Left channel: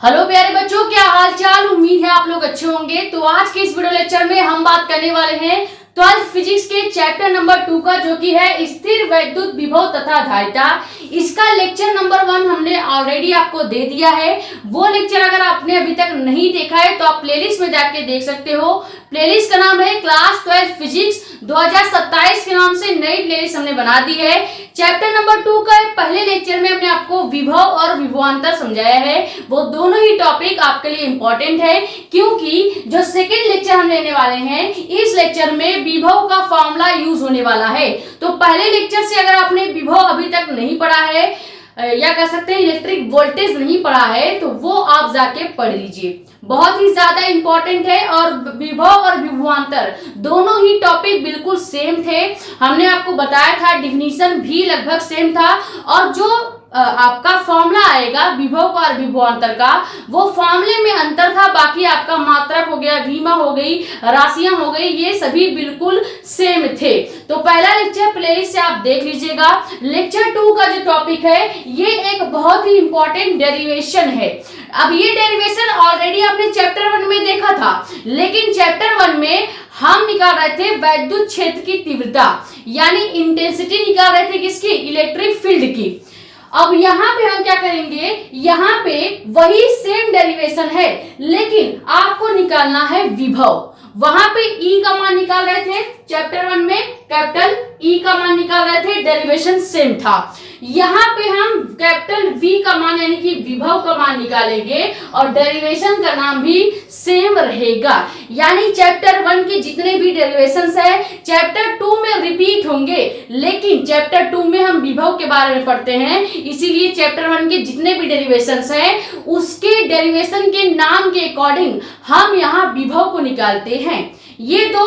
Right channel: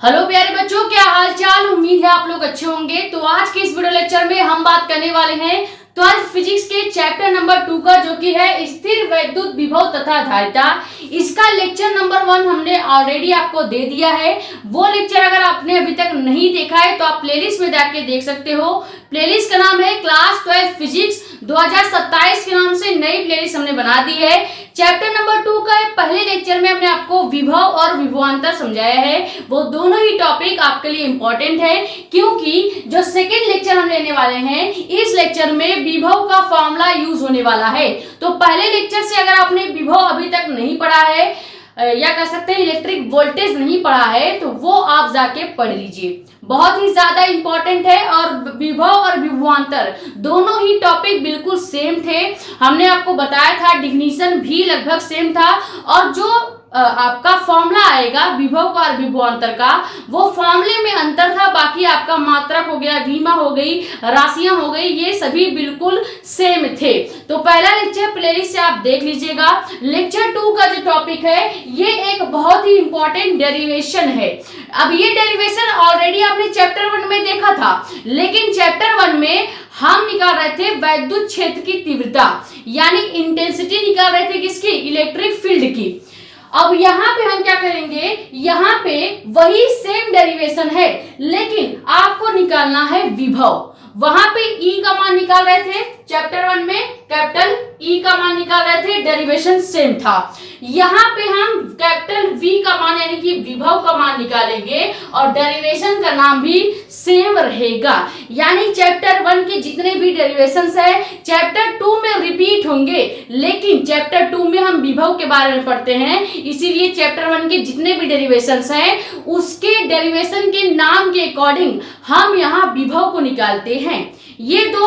Hello प्यारे बच्चों, क्या हाल चाल। उम्मीद है आप लोग अच्छे होंगे। तो आज के इस वीडियो लेक्चर में हम बात करने वाले हैं 12th फिजिक्स के चैप्टर नंबर 2 का, जो कि है स्थिर वैद्युत विभव तथा धारिता। इसका लेक्चर नंबर 1 हमने ऑलरेडी आपको दे दिया है। वो लेक्चर अगर आपने अभी तक नहीं देखा है तो आप प्लेलिस्ट में जाके देख सकते हो। प्लेलिस्ट का नाम है क्लास 12 फिजिक्स 2027 के नाम से नई प्लेलिस्ट हमने बना दी है। चैप्टर नंबर 2 का पहले लेक्चर में हमने आपको विभव और विभवांतर समझाया है। वो दोनों ही टॉपिक आपके लिए इंपॉर्टेंट है, क्योंकि जो सेकेंड लेक्चर हम लेने वाले हैं, इस लेक्चर में विभव का फॉर्मूला यूज होने वाला है। तो पहले लेक्चर से अगर आपने विभव अभी तक नहीं पढ़ा है या कह सकते हैं इलेक्ट्रिक वोल्टेज नहीं पढ़ा है, तो वो आप जाके पढ़ लीजिए। बहुत ही ज्यादा इंपॉर्टेंट है। और विभव और विभवांतर दोनों ही टॉपिक बिल्कुल सेम थे। हमने आपको बताया था, डिफिनीशन भी लगभग सेम था। और जो आपका फॉर्मूला आएगा विभव का और विभवांतर का, वो फॉर्मूले में अंतर था। बाकी आपका मात्रक हो गया, भीमा हो गई, राशियां हो गई, ये सभी बिल्कुल सेम थे। तो पहला लेक्चर प्लेलिस्ट से आप देख लीजिएगा। लेक्चर 2 का जो टॉपिक है, ये एक बहुत ही इंपॉर्टेंट डेरिवेशन है। अब ये डेरिवेशन ऑलरेडी आपने चैप्टर 1 में देखा था, लेकिन चैप्टर 1 में हम निकाल रहे थे वैद्युत क्षेत्र की तीव्रता, यानी इंटेंसिटी निकाल रहे थे किसकी, इलेक्ट्रिक फील्ड की। अब यहाँ पे हम क्या करेंगे, यहाँ पे वही सेम डेरिवेशन है, लेकिन आपको निकालना है विभव। वहां पे E का मान निकाल रहे थे चैप्टर 1 में, कैपिटल E का मान निकाल रहे थे, डेरिवेशन सेम था। यहाँ पे हम कैपिटल V का मान यानी कि विभव का मान निकालेंगे और डेरिवेशन का नाम भी सेम रहेगा। यानी चैप्टर 1 के जितने भी डेरिवेशंस है चैप्टर 2 में रिपीट होंगे, लेकिन चैप्टर 2 में हम विभव के बारे में पढ़ते हैं, इसीलिए चैप्टर 1 के जितने भी डेरिवेशंस हैं उसके डेरिवेशन के नाम के अकॉर्डिंग हम यहाँ विभव को निकालते हैं। ये दो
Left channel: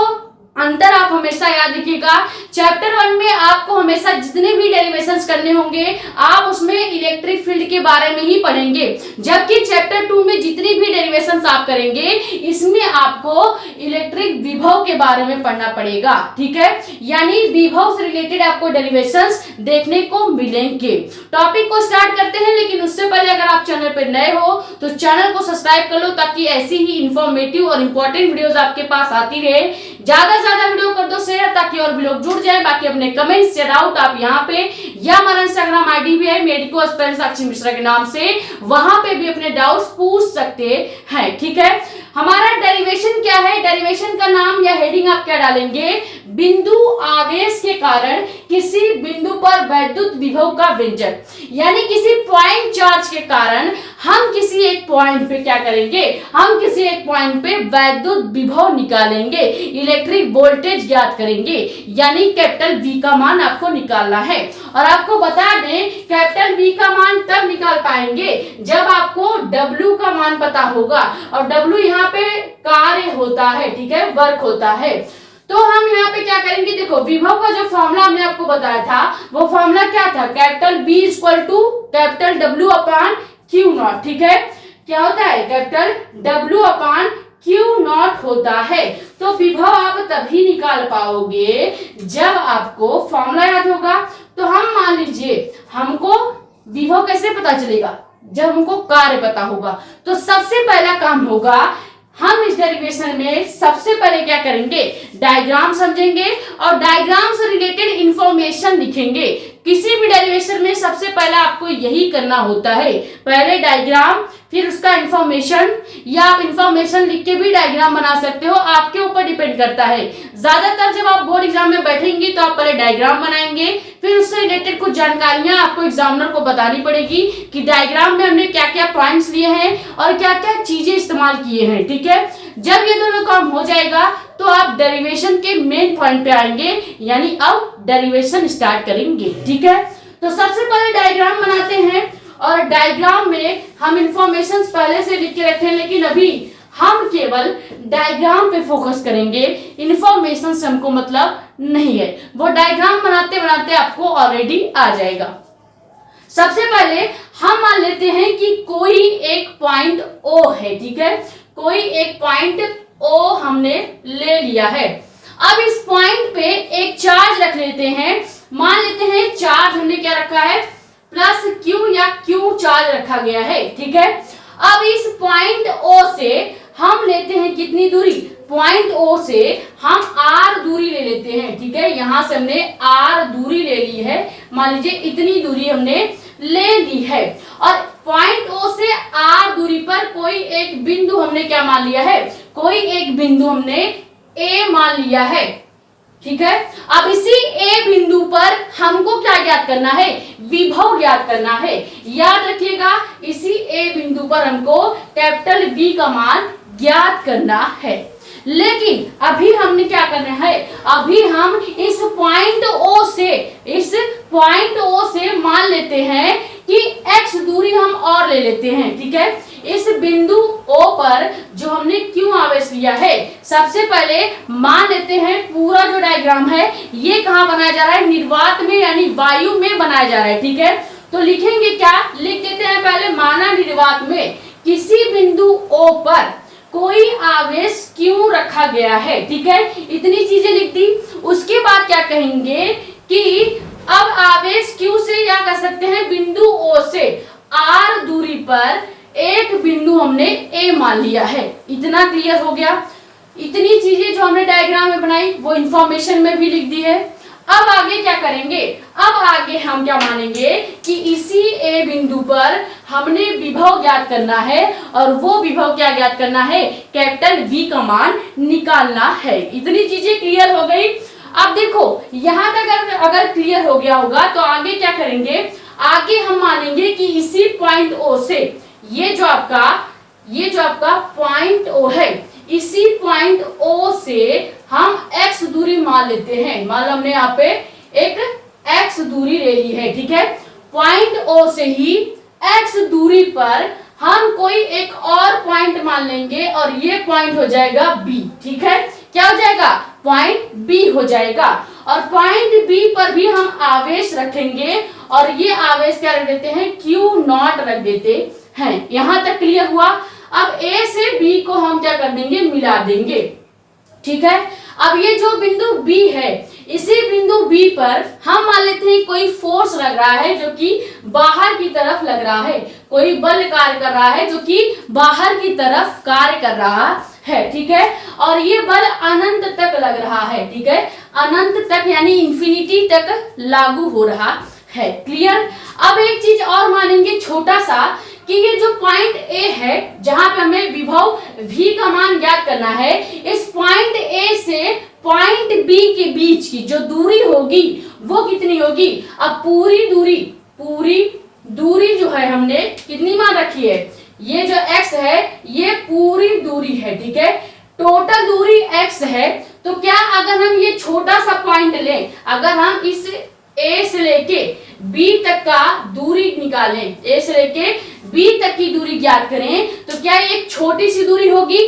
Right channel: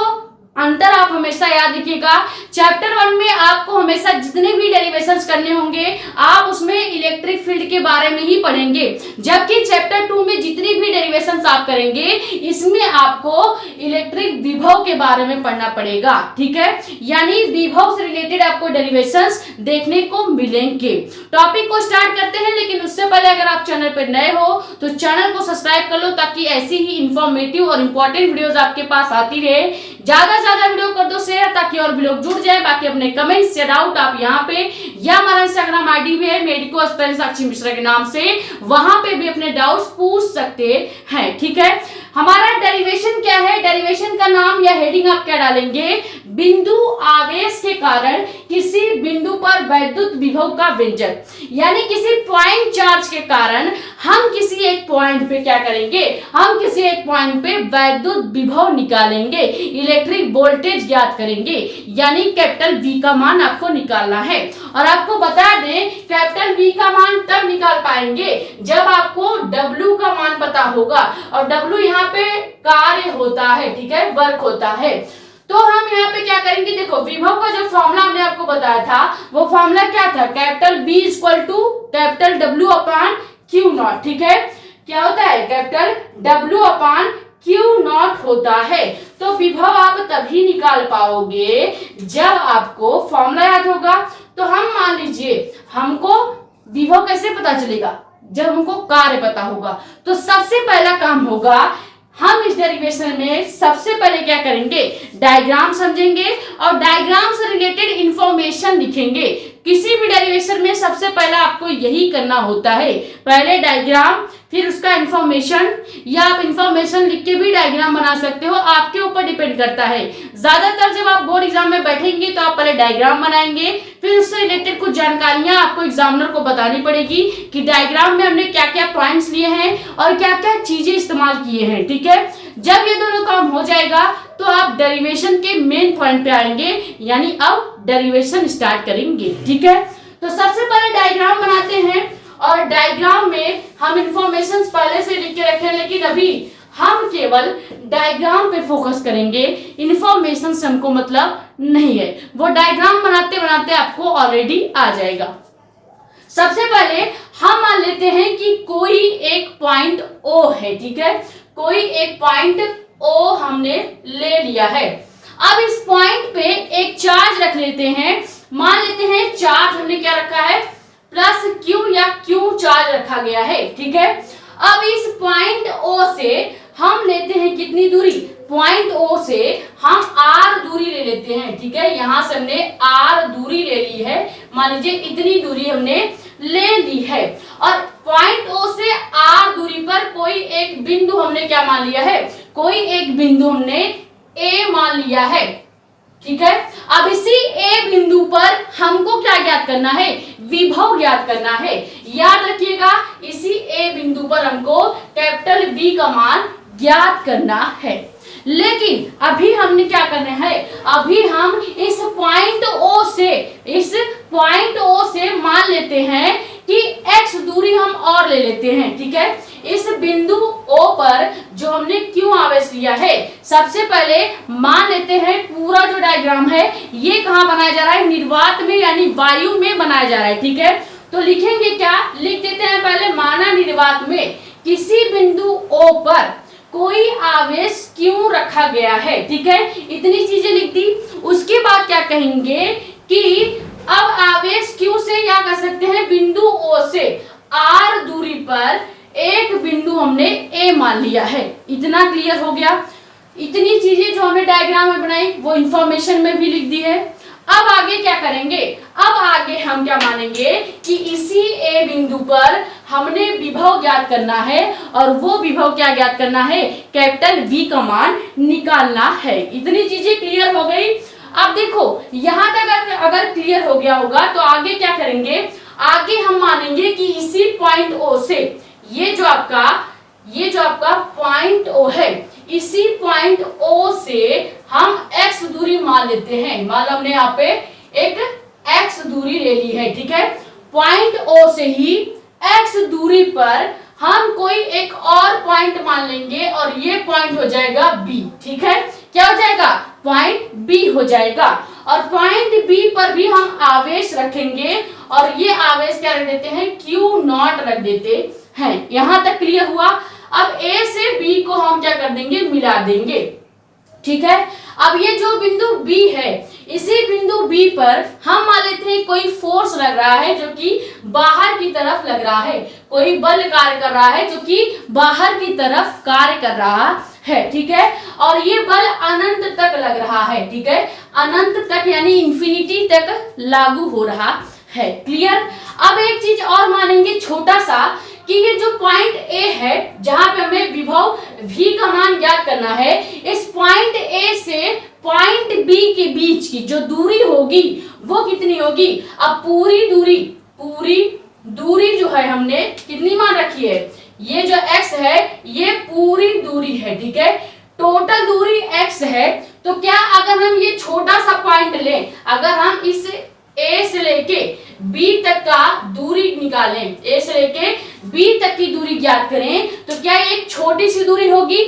अंतर आप हमेशा याद रखिएगा। चैप्टर 1 में आपको हमेशा जितने भी डेरिवेशंस करने होंगे आप उसमें इलेक्ट्रिक फील्ड के बारे में ही पढ़ेंगे, जबकि चैप्टर 2 में जितनी भी डेरिवेशंस आप करेंगे इसमें आपको इलेक्ट्रिक विभव के बारे में पढ़ना पड़ेगा। ठीक है, यानी विभव से रिलेटेड आपको डेरिवेशंस देखने को मिलेंगे। टॉपिक को स्टार्ट करते हैं, लेकिन उससे पहले अगर आप चैनल पर नए हो तो चैनल को सब्सक्राइब कर लो, ताकि ऐसी ही इंफॉर्मेटिव और इंपॉर्टेंट वीडियोस आपके पास आती रहे। ज्यादा वीडियो कर दो शेयर, ताकि और भी लोग जुड़ जाए। बाकी अपने कमेंट्स या डाउट आप यहाँ पे, या हमारा इंस्टाग्राम आईडी भी है मेडिको एस्पिरेंट साक्षी मिश्रा के नाम से, वहां पे भी अपने डाउट्स पूछ सकते हैं। ठीक है, हमारा डेरिवेशन क्या है, डेरिवेशन का नाम या हेडिंग आप क्या डालेंगे, बिंदु आवेश के कारण किसी बिंदु पर वैद्युत विभव का व्यंजक। यानी किसी पॉइंट चार्ज के कारण हम किसी एक पॉइंट पे क्या करेंगे, हम किसी एक पॉइंट पे वैद्युत विभव निकालेंगे, इलेक्ट्रिक वोल्टेज ज्ञात करेंगे, यानी कैपिटल V का मान आपको निकालना है। और आपको बता दें, कैपिटल V का मान तब निकाल पाएंगे जब आपको W का मान पता होगा। और W यहाँ पे कार्य होता है, ठीक है, वर्क होता है। तो हम यहाँ पे क्या करेंगे, देखो विभव का जो फॉर्मूला हमने आपको बताया था, वो फॉर्मूला क्या था, capital B equal to capital W upon Q naught. ठीक है, क्या होता है, capital W upon Q naught होता है। तो विभव आप तभी निकाल पाओगे जब आपको फॉर्मूला याद होगा। तो हम मान लीजिए हमको विभव कैसे पता चलेगा, जब हमको कार्य पता होगा। तो सबसे पहला काम होगा, हम इस डेरिवेशन में सबसे पहले क्या करेंगे, डायग्राम समझेंगे और डायग्राम से रिलेटेड इंफॉर्मेशन लिखेंगे। किसी भी डेरिवेशन में सबसे पहला आपको यही करना होता है, पहले डायग्राम फिर उसका इंफॉर्मेशन, या आप इंफॉर्मेशन लिख के भी डायग्राम बना सकते हो, आपके ऊपर डिपेंड करता है। ज्यादातर जब आप बोर्ड एग्जाम में बैठेंगे तो आप पहले डायग्राम बनाएंगे, फिर उससे रिलेटेड कुछ जानकारियां आपको एग्जामिनर को बतानी पड़ेगी कि डायग्राम में हमने क्या क्या पॉइंट्स लिए हैं और क्या क्या चीजें इस्तेमाल किए हैं। ठीक है, जब ये दोनों काम हो जाएगा तो आप डेरिवेशन के मेन पॉइंट पे आएंगे, यानी अब डेरिवेशन स्टार्ट करेंगे। ठीक है, तो सबसे पहले डायग्राम बनाते हैं और डायग्राम में हम इंफॉर्मेशन पहले से लिख के रखे हैं, लेकिन अभी हम केवल डायग्राम पे फोकस करेंगे, इंफॉर्मेशन से हमको मतलब नहीं है। वो डायग्राम बनाते बनाते आपको ऑलरेडी आ जाएगा। सबसे पहले हम मान लेते हैं कि कोई एक पॉइंट O है। ठीक है, कोई एक पॉइंट O हमने ले लिया है। अब इस पॉइंट पे एक चार्ज रख लेते हैं। मान लेते हैं चार्ज हमने क्या रखा है, प्लस Q या Q चार्ज रखा गया है। ठीक है, अब इस पॉइंट ओ से हम लेते हैं कितनी दूरी, पॉइंट ओ से हम आर दूरी ले लेते हैं, ठीक है। यहां से हमने आर दूरी ले ली है, मान लीजिए इतनी दूरी हमने ले ली है। और पॉइंट ओ से आर दूरी पर कोई एक बिंदु हमने क्या मान लिया है, कोई एक बिंदु हमने ए मान लिया है, ठीक है। अब इसी ए बिंदु पर हमको क्या ज्ञात करना है, विभव ज्ञात करना है। याद रखिएगा इसी ए बिंदु पर हमको कैपिटल V का मान ज्ञात करना है। लेकिन अभी हमने क्या करना है, अभी हम इस पॉइंट ओ से मान लेते हैं कि x दूरी हम और ले लेते हैं, ठीक है। इस बिंदु O पर जो हमने Q आवेश लिया है, सबसे पहले मान लेते हैं पूरा जो डायग्राम है ये कहाँ बनाया जा रहा है, निर्वात में यानी वायु में बनाया जा रहा है, ठीक है। तो लिखेंगे क्या, लिख देते हैं पहले, माना निर्वात में किसी बिंदु O पर कोई आवेश Q रखा गया है, ठीक है। इतनी चीजें लिख दी। उसके बाद क्या कहेंगे कि अब आवेश Q से क्या कर सकते हैं, बिंदु O से R दूरी पर एक बिंदु हमने A मान लिया है। इतना क्लियर हो गया। इतनी चीजें जो हमने डायग्राम में बनाई वो इंफॉर्मेशन में भी लिख दी है। अब आगे क्या करेंगे, अब आगे हम क्या मानेंगे कि इसी ए बिंदु पर हमने विभव ज्ञात करना है, और वो विभव क्या ज्ञात करना है, कैपिटल V का मान निकालना है। इतनी चीजें क्लियर हो गई। अब देखो यहां तक अगर क्लियर हो गया होगा तो आगे क्या करेंगे, आगे हम मानेंगे कि इसी पॉइंट O से ये जो आपका पॉइंट O है, इसी पॉइंट O से हम x दूरी मान लेते हैं। मान लो हमने यहाँ पे एक x दूरी ले ली है, ठीक है। पॉइंट O से ही x दूरी पर हम कोई एक और पॉइंट मान लेंगे और ये पॉइंट हो जाएगा B, ठीक है। क्या हो जाएगा, पॉइंट B हो जाएगा। और पॉइंट B पर भी हम आवेश रखेंगे और ये आवेश क्या रख देते हैं, Q0 रख देते हैं। यहां तक क्लियर हुआ। अब A से B को हम क्या कर देंगे, मिला देंगे, ठीक है। अब ये जो बिंदु B है, इसी बिंदु B पर हम मान लेते हैं कोई फोर्स लग रहा है जो कि बाहर की तरफ लग रहा है, कोई बल कार्य कर रहा है जो कि बाहर की तरफ कार्य कर रहा है, ठीक है। और ये बल अनंत तक लग रहा है, ठीक है, अनंत तक यानी इंफिनिटी तक लागू हो रहा है। क्लियर। अब एक चीज और मानेंगे छोटा सा, कि ये जो पॉइंट A है जहां पे हमें विभव V का मान ज्ञात करना है, इस पॉइंट A से पॉइंट B के बीच की जो दूरी होगी वो कितनी होगी। अब पूरी दूरी जो है हमने कितनी मान रखी है, ये जो x है ये पूरी दूरी है, ठीक है। टोटल दूरी x है। तो क्या अगर हम ये छोटा सा पॉइंट लें, अगर हम इस A से लेके B तक का दूरी निकालें, A से लेके B तक की दूरी ज्ञात करें, तो क्या एक छोटी सी दूरी होगी,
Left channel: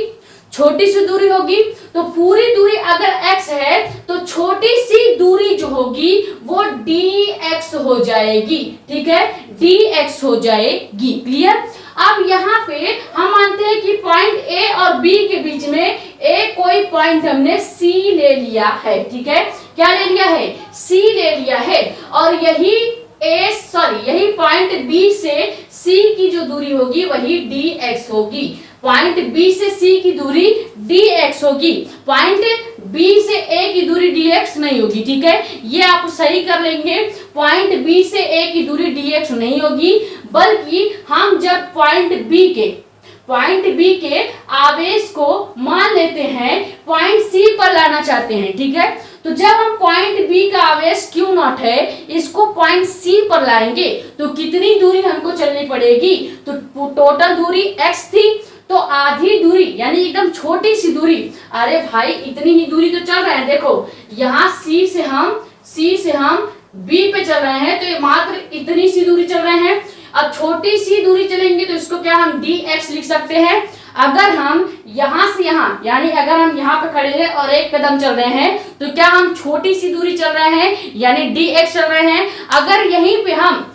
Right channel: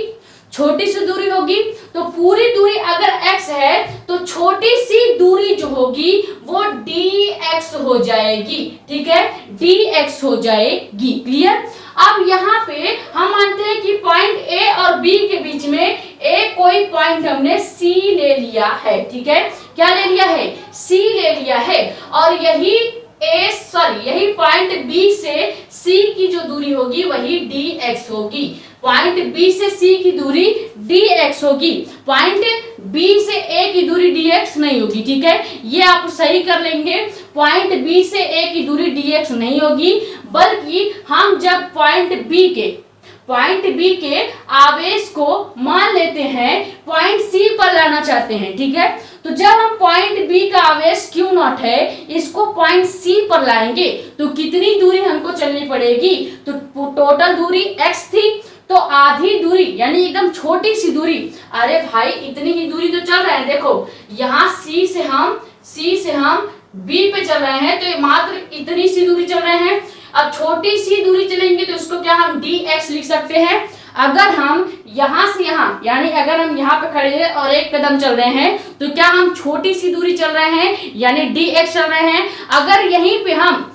तो पूरी दूरी अगर x है तो छोटी सी दूरी जो होगी वो dx हो जाएगी, ठीक है, dx हो जाएगी। क्लियर। अब यहाँ पे हम मानते हैं कि पॉइंट A और B के बीच में एक कोई पॉइंट हमने C ले लिया है, ठीक है। क्या ले लिया है, C ले लिया है। और यही पॉइंट B से C की जो दूरी होगी वही dx होगी। पॉइंट B से C की दूरी dx होगी, पॉइंट B से A की दूरी dx नहीं होगी, ठीक है। ये आप सही कर लेंगे। पॉइंट B से A की दूरी dx नहीं होगी, बल्कि हम जब पॉइंट B के आवेश को मान लेते हैं पॉइंट C पर लाना चाहते हैं, ठीक है। तो जब हम पॉइंट B का आवेश Q0 है इसको पॉइंट C पर लाएंगे तो कितनी दूरी हमको चलनी पड़ेगी, तो टोटल दूरी x थी, तो आधी दूरी यानी एकदम छोटी सी दूरी, अरे भाई इतनी ही दूरी तो चल रहे हैं। देखो यहाँ C से हम B पे चल रहे हैं, तो ये मात्र इतनी सी दूरी चल रहे हैं। अब छोटी सी दूरी चलेंगे तो इसको क्या हम dx लिख सकते हैं। अगर हम यहाँ से यहाँ यानी अगर हम यहाँ पे खड़े हैं और एक कदम चल रहे हैं तो क्या हम छोटी सी दूरी चल रहे हैं यानी dx चल रहे हैं। अगर यहीं पे हम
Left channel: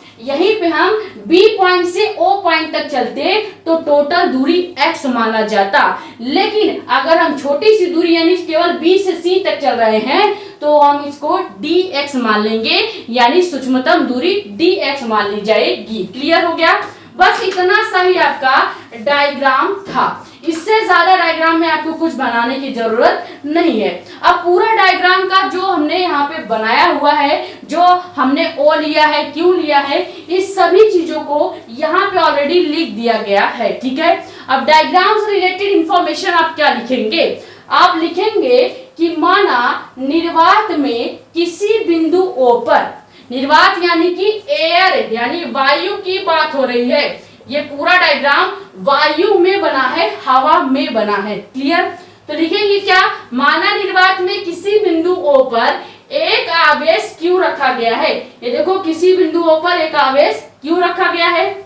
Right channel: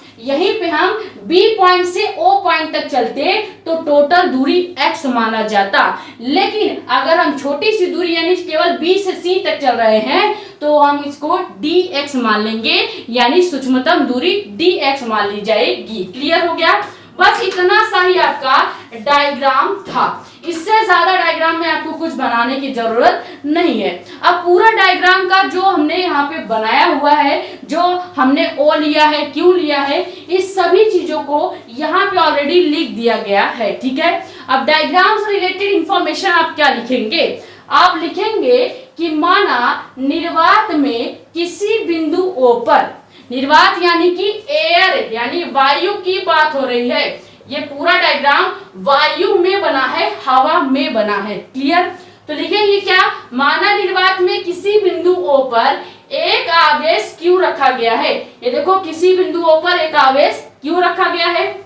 B पॉइंट से O पॉइंट तक चलते तो टोटल दूरी x माना जाता। लेकिन अगर हम छोटी सी दूरी यानी केवल B से C तक चल रहे हैं तो हम इसको dx मान लेंगे, यानी सूक्ष्मतम दूरी dx मान ली जाएगी। क्लियर हो गया। बस इतना सा ही आपका डायग्राम था। इससे ज्यादा डायग्राम में आपको कुछ बनाने की जरूरत नहीं है। अब पूरा डायग्राम का जो हमने यहाँ पे बनाया हुआ है, जो हमने ओ लिया है, क्यू लिया है, इस सभी चीजों को यहाँ पे ऑलरेडी लिख दिया गया है। ठीक है, अब डायग्राम से रिलेटेड इंफॉर्मेशन आप क्या लिखेंगे? आप लिखेंगे कि माना निर्वात में किसी बिंदु O पर, निर्वात यानी कि एयर यानी वायु की बात हो रही है, ये पूरा डायग्राम वायु में बना है, हवा में बना है। क्लियर? तो लिखेंगे क्या? माना निर्वात में किसी बिंदु O पर एक आवेश Q रखा गया है। ये देखो, किसी बिंदु O पर एक आवेश Q रखा गया है।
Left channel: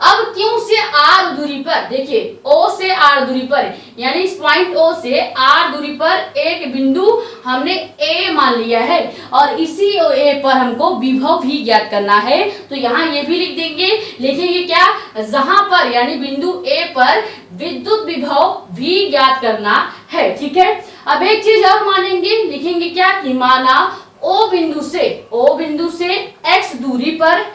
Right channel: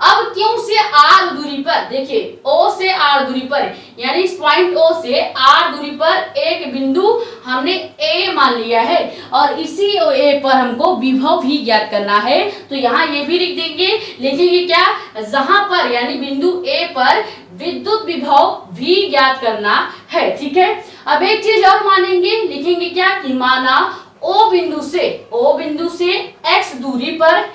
अब Q से R दूरी पर, देखिए O से R दूरी पर, यानी इस पॉइंट O से R दूरी पर एक बिंदु हमने A मान लिया है और इसी A पर हमको विभव भी ज्ञात करना है। तो यहाँ ये भी लिख देंगे, लिखेंगे क्या? जहां पर यानी बिंदु A पर विद्युत विभव भी ज्ञात करना है। ठीक है, अब एक चीज और मानेंगे, लिखेंगे क्या कि माना O बिंदु से X दूरी पर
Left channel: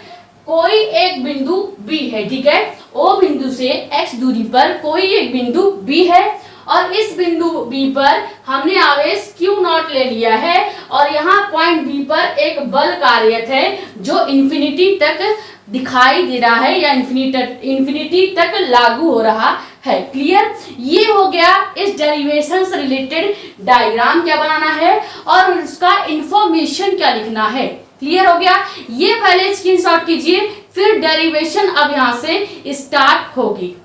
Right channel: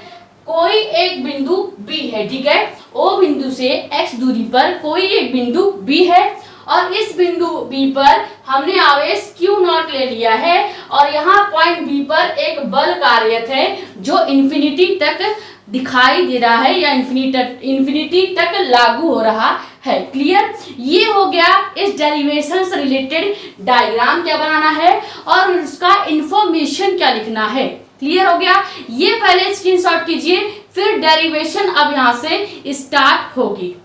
कोई एक बिंदु B है। ठीक है, O बिंदु से X दूरी पर कोई एक बिंदु B है और इस बिंदु B पर हमने आवेश Q नॉट ले लिया है और यहाँ पॉइंट B पर एक बल कार्यरत है जो इंफिनिटी तक दिखाई दे रहा है या इंफिनिटी तक लागू हो रहा है। क्लियर? ये हो गया इस डेरिवेशन से रिलेटेड डायग्राम क्या बनाना है और उसका इंफॉर्मेशन क्या लिखना है। क्लियर हो गया? ये पहले स्क्रीनशॉट कीजिए, फिर डेरिवेशन अब यहां से स्टार्ट होगी।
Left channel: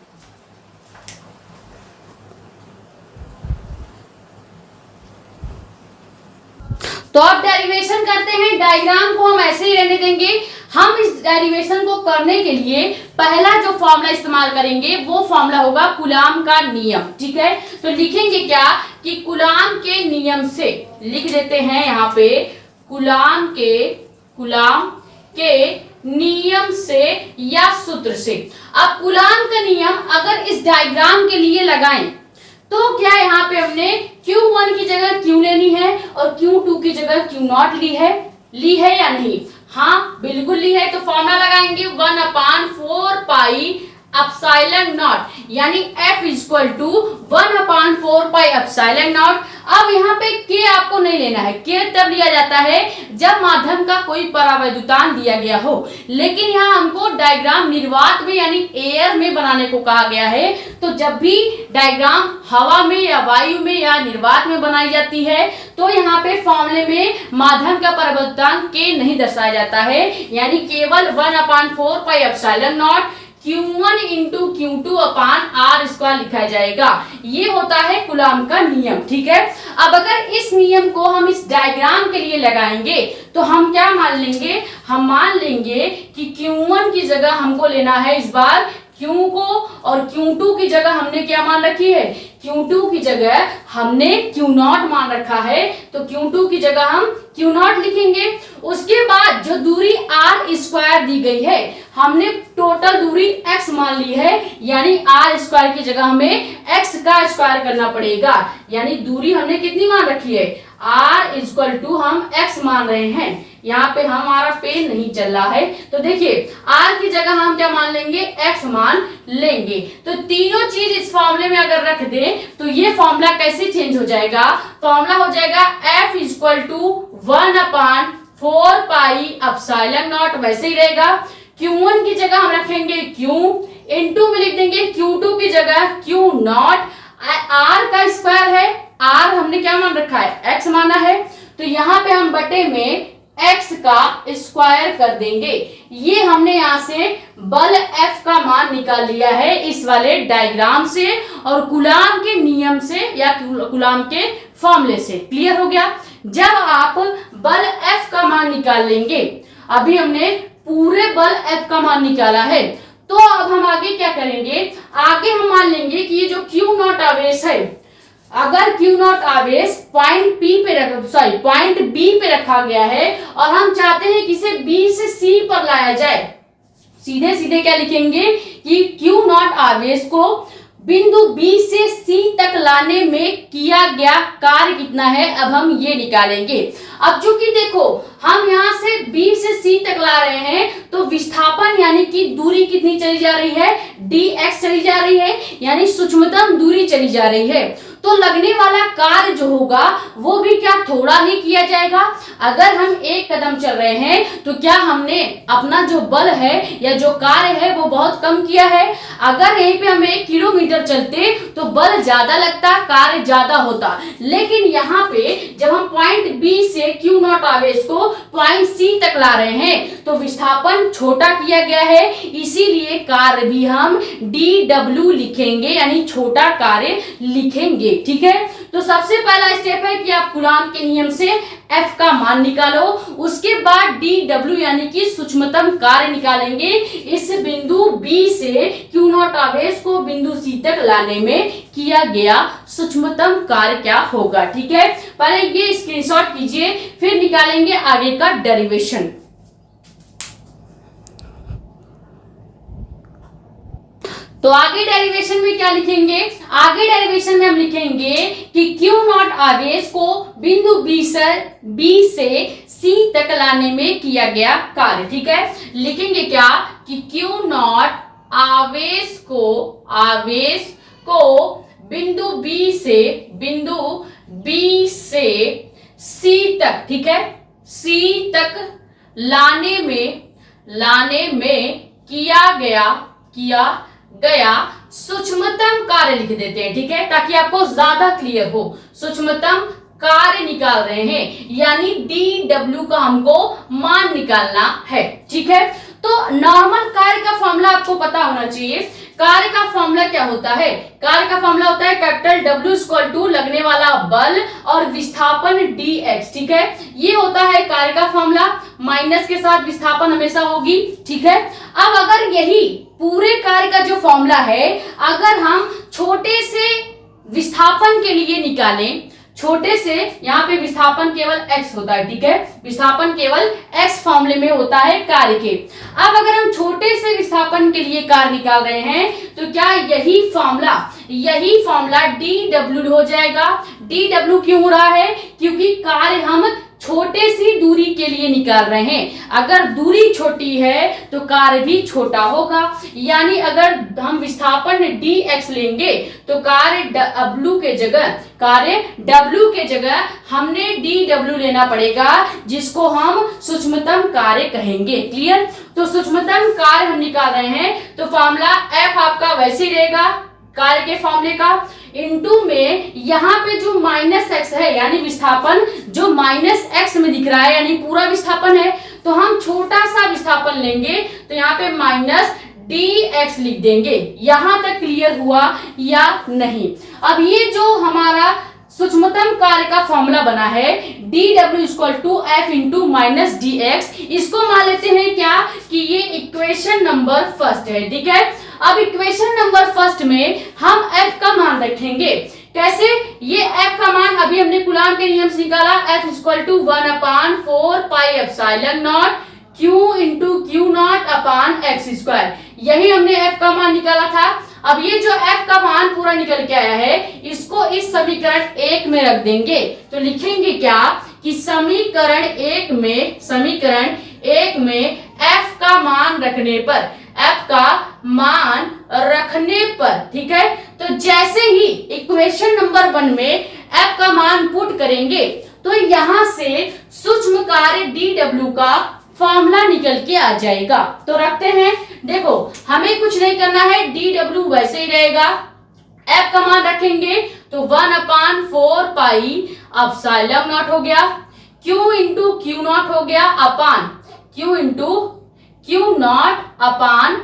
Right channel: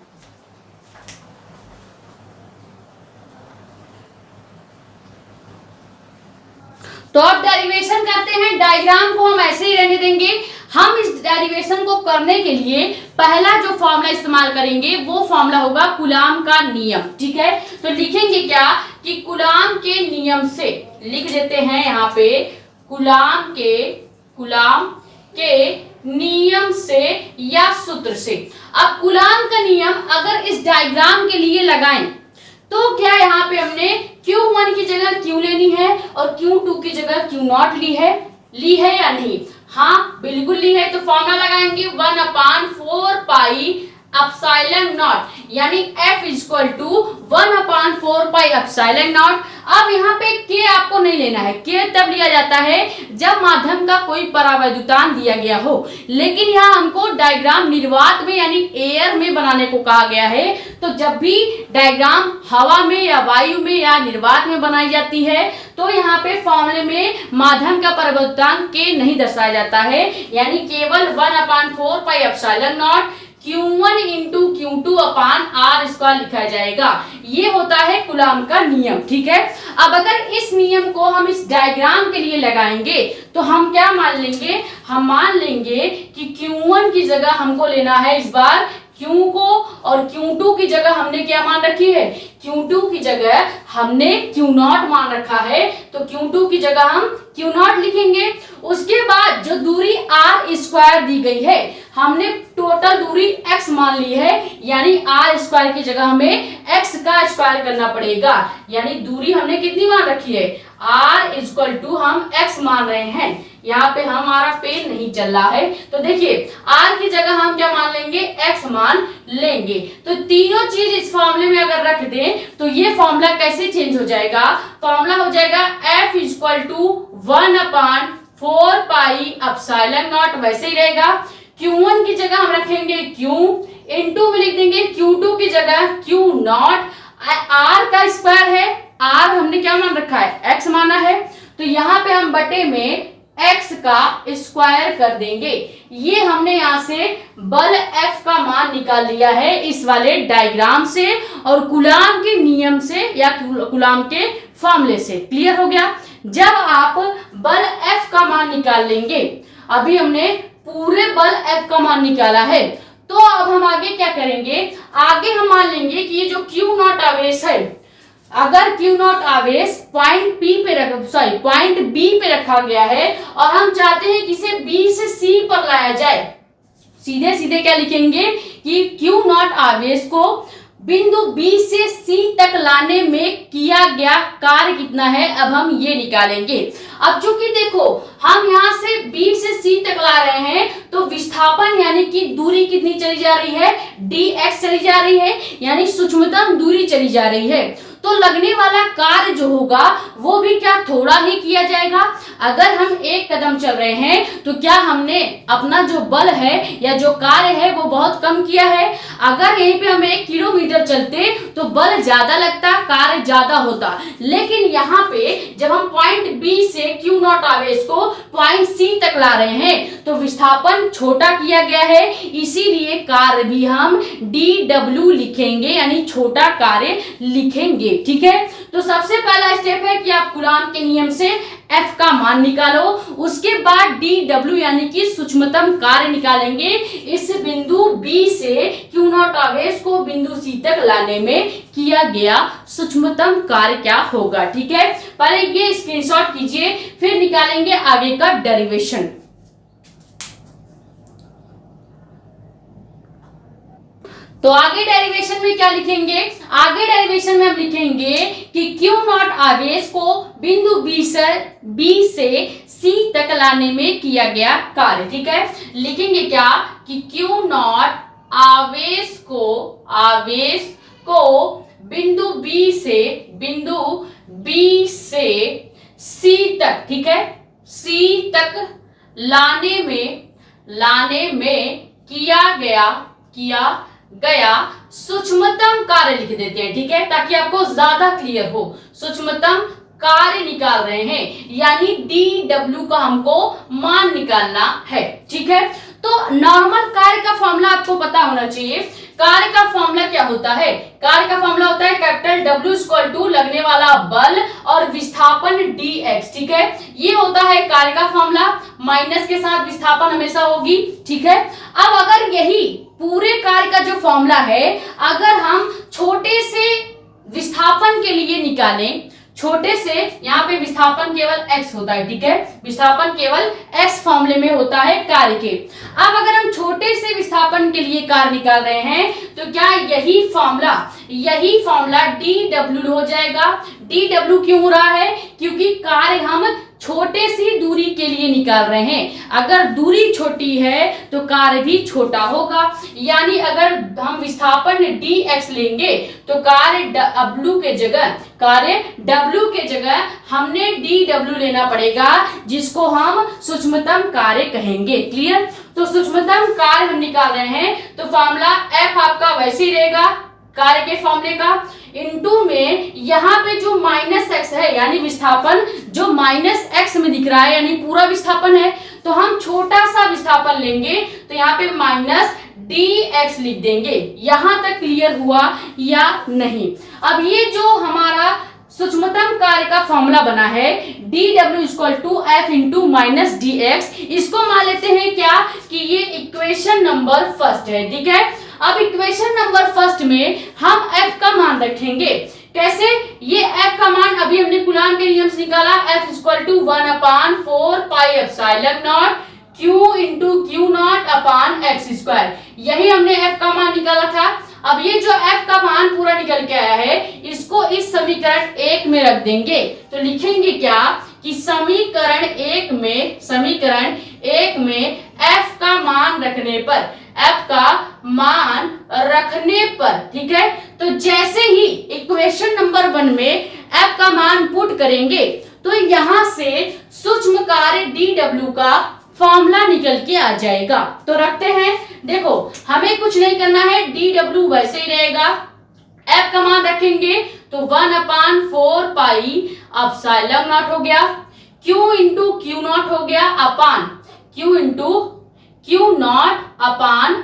तो अब डेरिवेशन करते हैं। डायग्राम को हम ऐसे ही रहने देंगे। हम इस डेरिवेशन को करने के लिए पहला जो फॉर्मूला इस्तेमाल करेंगे वो फॉर्मूला होगा कूलाम का नियम। ठीक है, तो लिखेंगे क्या कि कूलाम के नियम से, लिख देते हैं यहाँ पे कूलाम के नियम से या सूत्र से। अब कूलाम का नियम अगर इस डायग्राम के लिए लगाएं तो क्या यहाँ पे हमने Q1 की जगह Q लेनी है और Q2 की जगह Q0 ली है या नहीं? हाँ, बिल्कुल ली है। तो फॉर्मूला लगाएंगे 1/4 पाई एप्सिलॉन नॉट, यानी F equal to 1/4 pi epsilon naught. अब यहाँ पे K आपको नहीं लेना है, K तब लिया जाता है जब माध्यम का कोई परावैद्युतान दिया गया हो, लेकिन यहाँ हमको डायग्राम निर्वात में यानी एयर में बनाने को कहा गया है। तो जब भी डायग्राम हवा में या वायु में या निर्वात में बनाई जाती है तो यहाँ पे फॉर्मूले में माध्यम का परावैद्युतान K नहीं दर्शाया जाता है, यानी केवल 1/4 pi epsilon not Q1 into Q2 upon R square लिखा जाएगा। ये होता है कूलाम का नियम। ठीक है, अब अगर इस नियम को हम इस डायग्राम के लिए लगाएंगे तो हम क्या मान लेंगे? हम मान लेंगे कि Q1 की जगह हमको लेना है इस बार Q को और Q2 की जगह हमने क्या मान रखी है? Q2 की जगह हमने Q0 मान रखा है, तो Q2 की जगह हम Q0 लिखेंगे। उसके बाद जो दूरी R स्क्वायर दी गई है, हमने टोटल दूरी x मान ली है, यानी R स्क्वायर की जगह हमें x का स्क्वायर करना पड़ेगा, यानी दूरी हमने कितनी मान रखी है? R इक्वल टू हम x मान रहे हैं। यहाँ पे हमारा पेन नहीं चल रहा है, तो देखिए R की जगह हम क्या मान लेंगे? x मान लेंगे। तो तीनों चीज इस फॉर्मूले में अगर रख दें तो ये फॉर्मूला कैसे चेंज हो जाएगा? फॉर्मूला हो जाएगा F equal to 1/4 pi epsilon naught, वैसे ही रहेगा। Q1 की जगह हम रखेंगे Q, इनटू में लिख देंगे Q2 की जगह Q0। R का स्क्वायर है, R हमने क्या मान रखा है? x माना है, तो यहाँ पे हम बटे में x का स्क्वायर कर देंगे। ये हमने यहाँ से बल F का मान निकाल लिया है इस वाले डायग्राम से और कूलाम के नियम से या कूलाम के फॉर्मूले से। क्लियर हो गया? जब आप बल F का मान निकाल लेंगे, अभी हमने पूरे बल F का मान निकाला है, तो अब हम आगे क्या करेंगे? आगे हम मान लेंगे कि ये जो Q0 आवेश है, अगर Q0 आवेश पॉइंट B पे रखा गया है और हम चाहते हैं कि इसे B से C पर लाया जाए, सीधे सीधे क्या लिखेंगे कि Q0 आवेश को बिंदु बी से सी तक लाने में किया गया कार्य कितना है, अब हम ये निकालेंगे। अब चूंकि देखो हम यहाँ से बी से सी तक ला रहे हैं तो विस्थापन यानी कि दूरी कितनी चली जा रही है, dx चली जा रही है, यानी सूक्ष्मतम दूरी चली जा रही है। तो लगने वाला कार्य जो होगा वो भी क्या थोड़ा ही किया जाएगा। अगर हम एक कदम चल रहे हैं तो क्या हमने अपना जो बल है या जो कार्य है वो बहुत कम किया है। अगर यहीं पे हम 1 किलोमीटर चलते तो बल ज्यादा लगता, कार्य ज्यादा होता, लेकिन यहाँ पे जब हम पॉइंट बी से क्यू नॉट आवेश को पॉइंट सी तक ला रहे हैं तो विस्थापन छोटा किया गया है, इसीलिए कार्य भी हम dw लिखेंगे, यानी छोटा कार्य लिखेंगे। ठीक है, तो सबसे पहला स्टेप है कि आप कूलॉम के नियम से F का मान निकालो, उसके बाद dw यानी कि सूक्ष्मतम कार्य निकालेंगे। इस बिंदु B से Q नॉट आवेश को बिंदु C तक लाने में किया गया सूक्ष्मतम कार्य क्या होगा। ठीक है, पहले ये स्क्रीनशॉट कीजिए, फिर निकालेंगे आगे का डेरिवेशन। तो आगे डेरिवेशन में क्या लिखेंगे, आगे डेरिवेशन में हम लिखेंगे कि Q नॉट आवेश को बिंदु B से C तक लाने में किया गया कार्य। ठीक है, लिखेंगे क्या कि Q नॉट आवेश को बिंदु B से C तक, ठीक है, C तक लाने में किया गया सूक्ष्मतम कार्य लिख देते हैं। ठीक है, ताकि आपको ज्यादा क्लियर हो। सूक्ष्मतम कार्य निकाल रहे हैं, यानी dw का हमको मान निकालना है। ठीक है, तो नॉर्मल कार्य का फॉर्मूला आपको पता होना चाहिए। कार्य का फॉर्मूला क्या होता है, कार्य का फॉर्मूला होता है कैपिटल W इक्वल टू लगने वाला बल और विस्थापन dx। ठीक है, ये होता है कार्य का फॉर्मूला, माइनस के साथ विस्थापन हमेशा होगी। ठीक है, अब अगर यही पूरे कार्य का जो फॉर्मूला है अगर हम छोटे से विस्थापन के लिए निकालें, छोटे से, यहाँ पे विस्थापन केवल x होता है। ठीक है, विस्थापन केवल x फॉर्मूले में होता है कार्य के। अब अगर हम छोटे से विस्थापन के लिए कार्य निकाल रहे हैं तो क्या यही फॉर्मूला dw हो जाएगा। dw क्यों हो रहा है, क्योंकि कार्य हम छोटे सी दूरी के लिए निकाल रहे हैं। अगर दूरी छोटी है तो कार्य भी छोटा होगा, यानी अगर हम विस्थापन dx लेंगे तो कार्य w के जगह हमने dw लेना पड़ेगा, जिसको हम सूक्ष्मतम कार्य कहेंगे। क्लियर, तो सूक्ष्मतम कार्य हम निकाल रहे हैं तो फॉर्मूला F आपका वैसे ही रहेगा कार्य के फॉर्मूले का, इनटू में यहाँ पे जो -x है, यानी विस्थापन जो -x में दिख रहा है, यानी पूरा विस्थापन है, तो हम छोटा सा विस्थापन लेंगे तो यहाँ पे -dx लिख देंगे। यहां तक क्लियर हुआ या नहीं। अब ये जो हमारा सूक्ष्मतम कार्य का फॉर्मूला बना है dw equal to f into -dx, इसको मान लेते हैं क्या कि ये इक्वेशन नंबर फर्स्ट है। ठीक है, अब इक्वेशन नंबर फर्स्ट में हम f का मान रखेंगे। कैसे, ये f का मान अभी हमने कूलॉम के नियम से निकाला, f equal to 1/4 pi epsilon naught q into q naught upon x square, यही हमने f का मान निकाला था। अब ये जो f का मान पूरा निकल के आया है इसको इस समीकरण 1 में रख देंगे, तो लिखेंगे क्या कि समीकरण एक में f का मान रखने पर, ठीक है, तो जैसे ही इक्वेशन नंबर 1 में f का मान पुट करेंगे तो यहां से सूक्ष्म कार्य dw का फॉर्मूला निकल के आ जाएगा। तो रखते हैं, देखो हमें कुछ नहीं करना है, dw वैसे ही रहेगा, f का मान रखेंगे तो 1/4 पाई एप्सिलॉन नॉट हो गया, q इंटू क्यू नॉट हो गया अपान q into q naught upon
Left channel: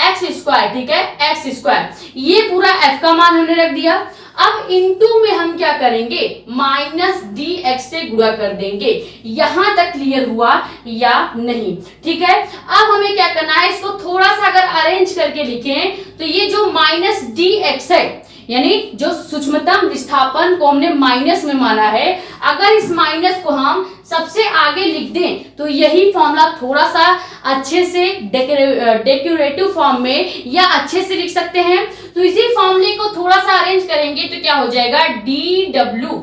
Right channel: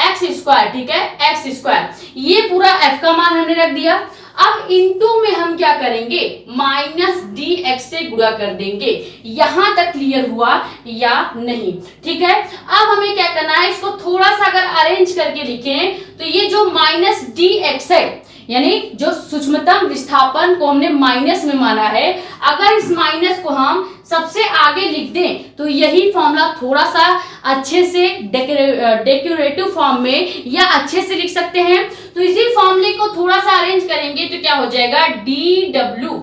x square. ठीक है, एक्स स्क्वायर, ये पूरा f का मान हमने रख दिया। अब इनटू में हम क्या करेंगे, -dx से गुणा कर देंगे। यहां तक क्लियर हुआ या नहीं। ठीक है, अब हमें क्या करना है, इसको थोड़ा सा अगर अरेंज करके लिखें तो ये जो -dx है, यानी जो सूक्ष्मतम विस्थापन को हमने माइनस में माना है, अगर इस माइनस को हम सबसे आगे लिख दें तो यही फॉर्मूला थोड़ा सा अच्छे से डेकोरेटिव फॉर्म में या अच्छे से लिख सकते हैं। तो इसी फॉर्मूले को थोड़ा सा अरेंज करेंगे तो क्या हो जाएगा, डी डब्ल्यू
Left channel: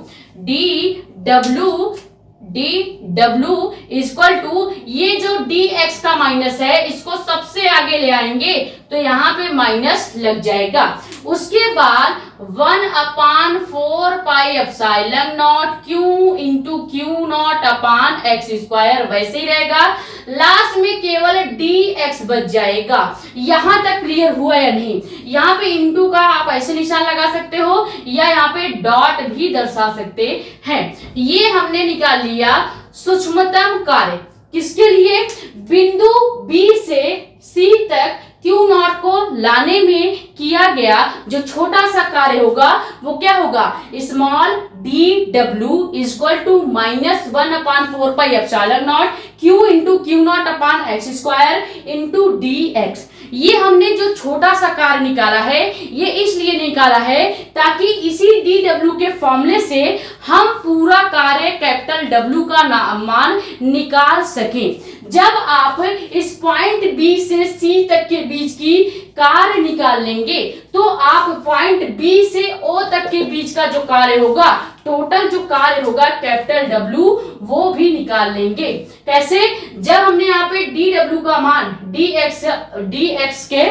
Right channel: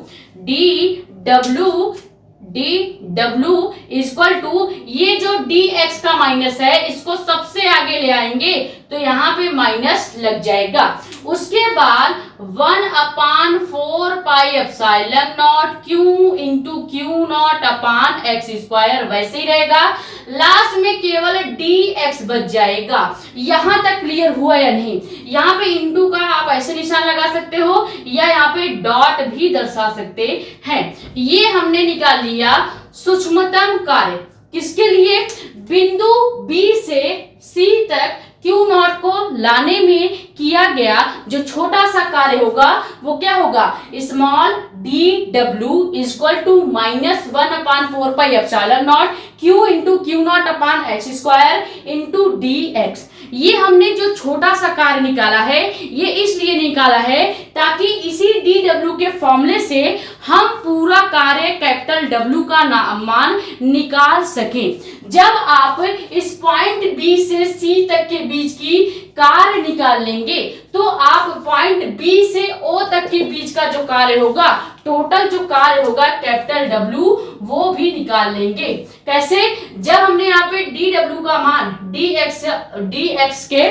इक्वल टू, ये जो डी एक्स का माइनस है इसको सबसे आगे ले आएंगे तो यहाँ पे माइनस लग जाएगा। उसके बाद 1/4 pi epsilon naught q into q naught upon x square वैसे ही रहेगा। लास्ट में केवल डी एक्स बच जाएगा। यहां तक क्लियर हुआ या नहीं? यहाँ पे इंटू का आप ऐसे निशान लगा सकते हो या यहाँ पे डॉट भी दर्शा सकते हैं। ये हमने निकाल लिया सूक्ष्मतम कार्य, किसके लिए? बिंदु बी से सी तक क्यू नॉट को लाने में किया गया जो छोटा सा कार्य होगा वो क्या होगा, स्मॉल डी डब्ल्यू equal to -1/4 pi epsilon naught q into q naught upon x square into d x. ये हमने जो छोटा सा कार्य निकाला है ये इसलिए निकाला है ताकि इसी डी डब्ल्यू के फॉर्मूले से हम पूरा कार्य कैपिटल डब्ल्यू का मान निकाल सकें। जब आप इस पॉइंट बी से सी तक के बीच की कार्य निकाल लेंगे तो आप पॉइंट बी से ओ तक के बीच का जो कार्य होगा, टोटल जो कार्य होगा कैपिटल डब्ल्यू, वो भी निकाल लेंगे। कैसे? जब हमने यहाँ पे डी डब्ल्यू का मान डी एक्स के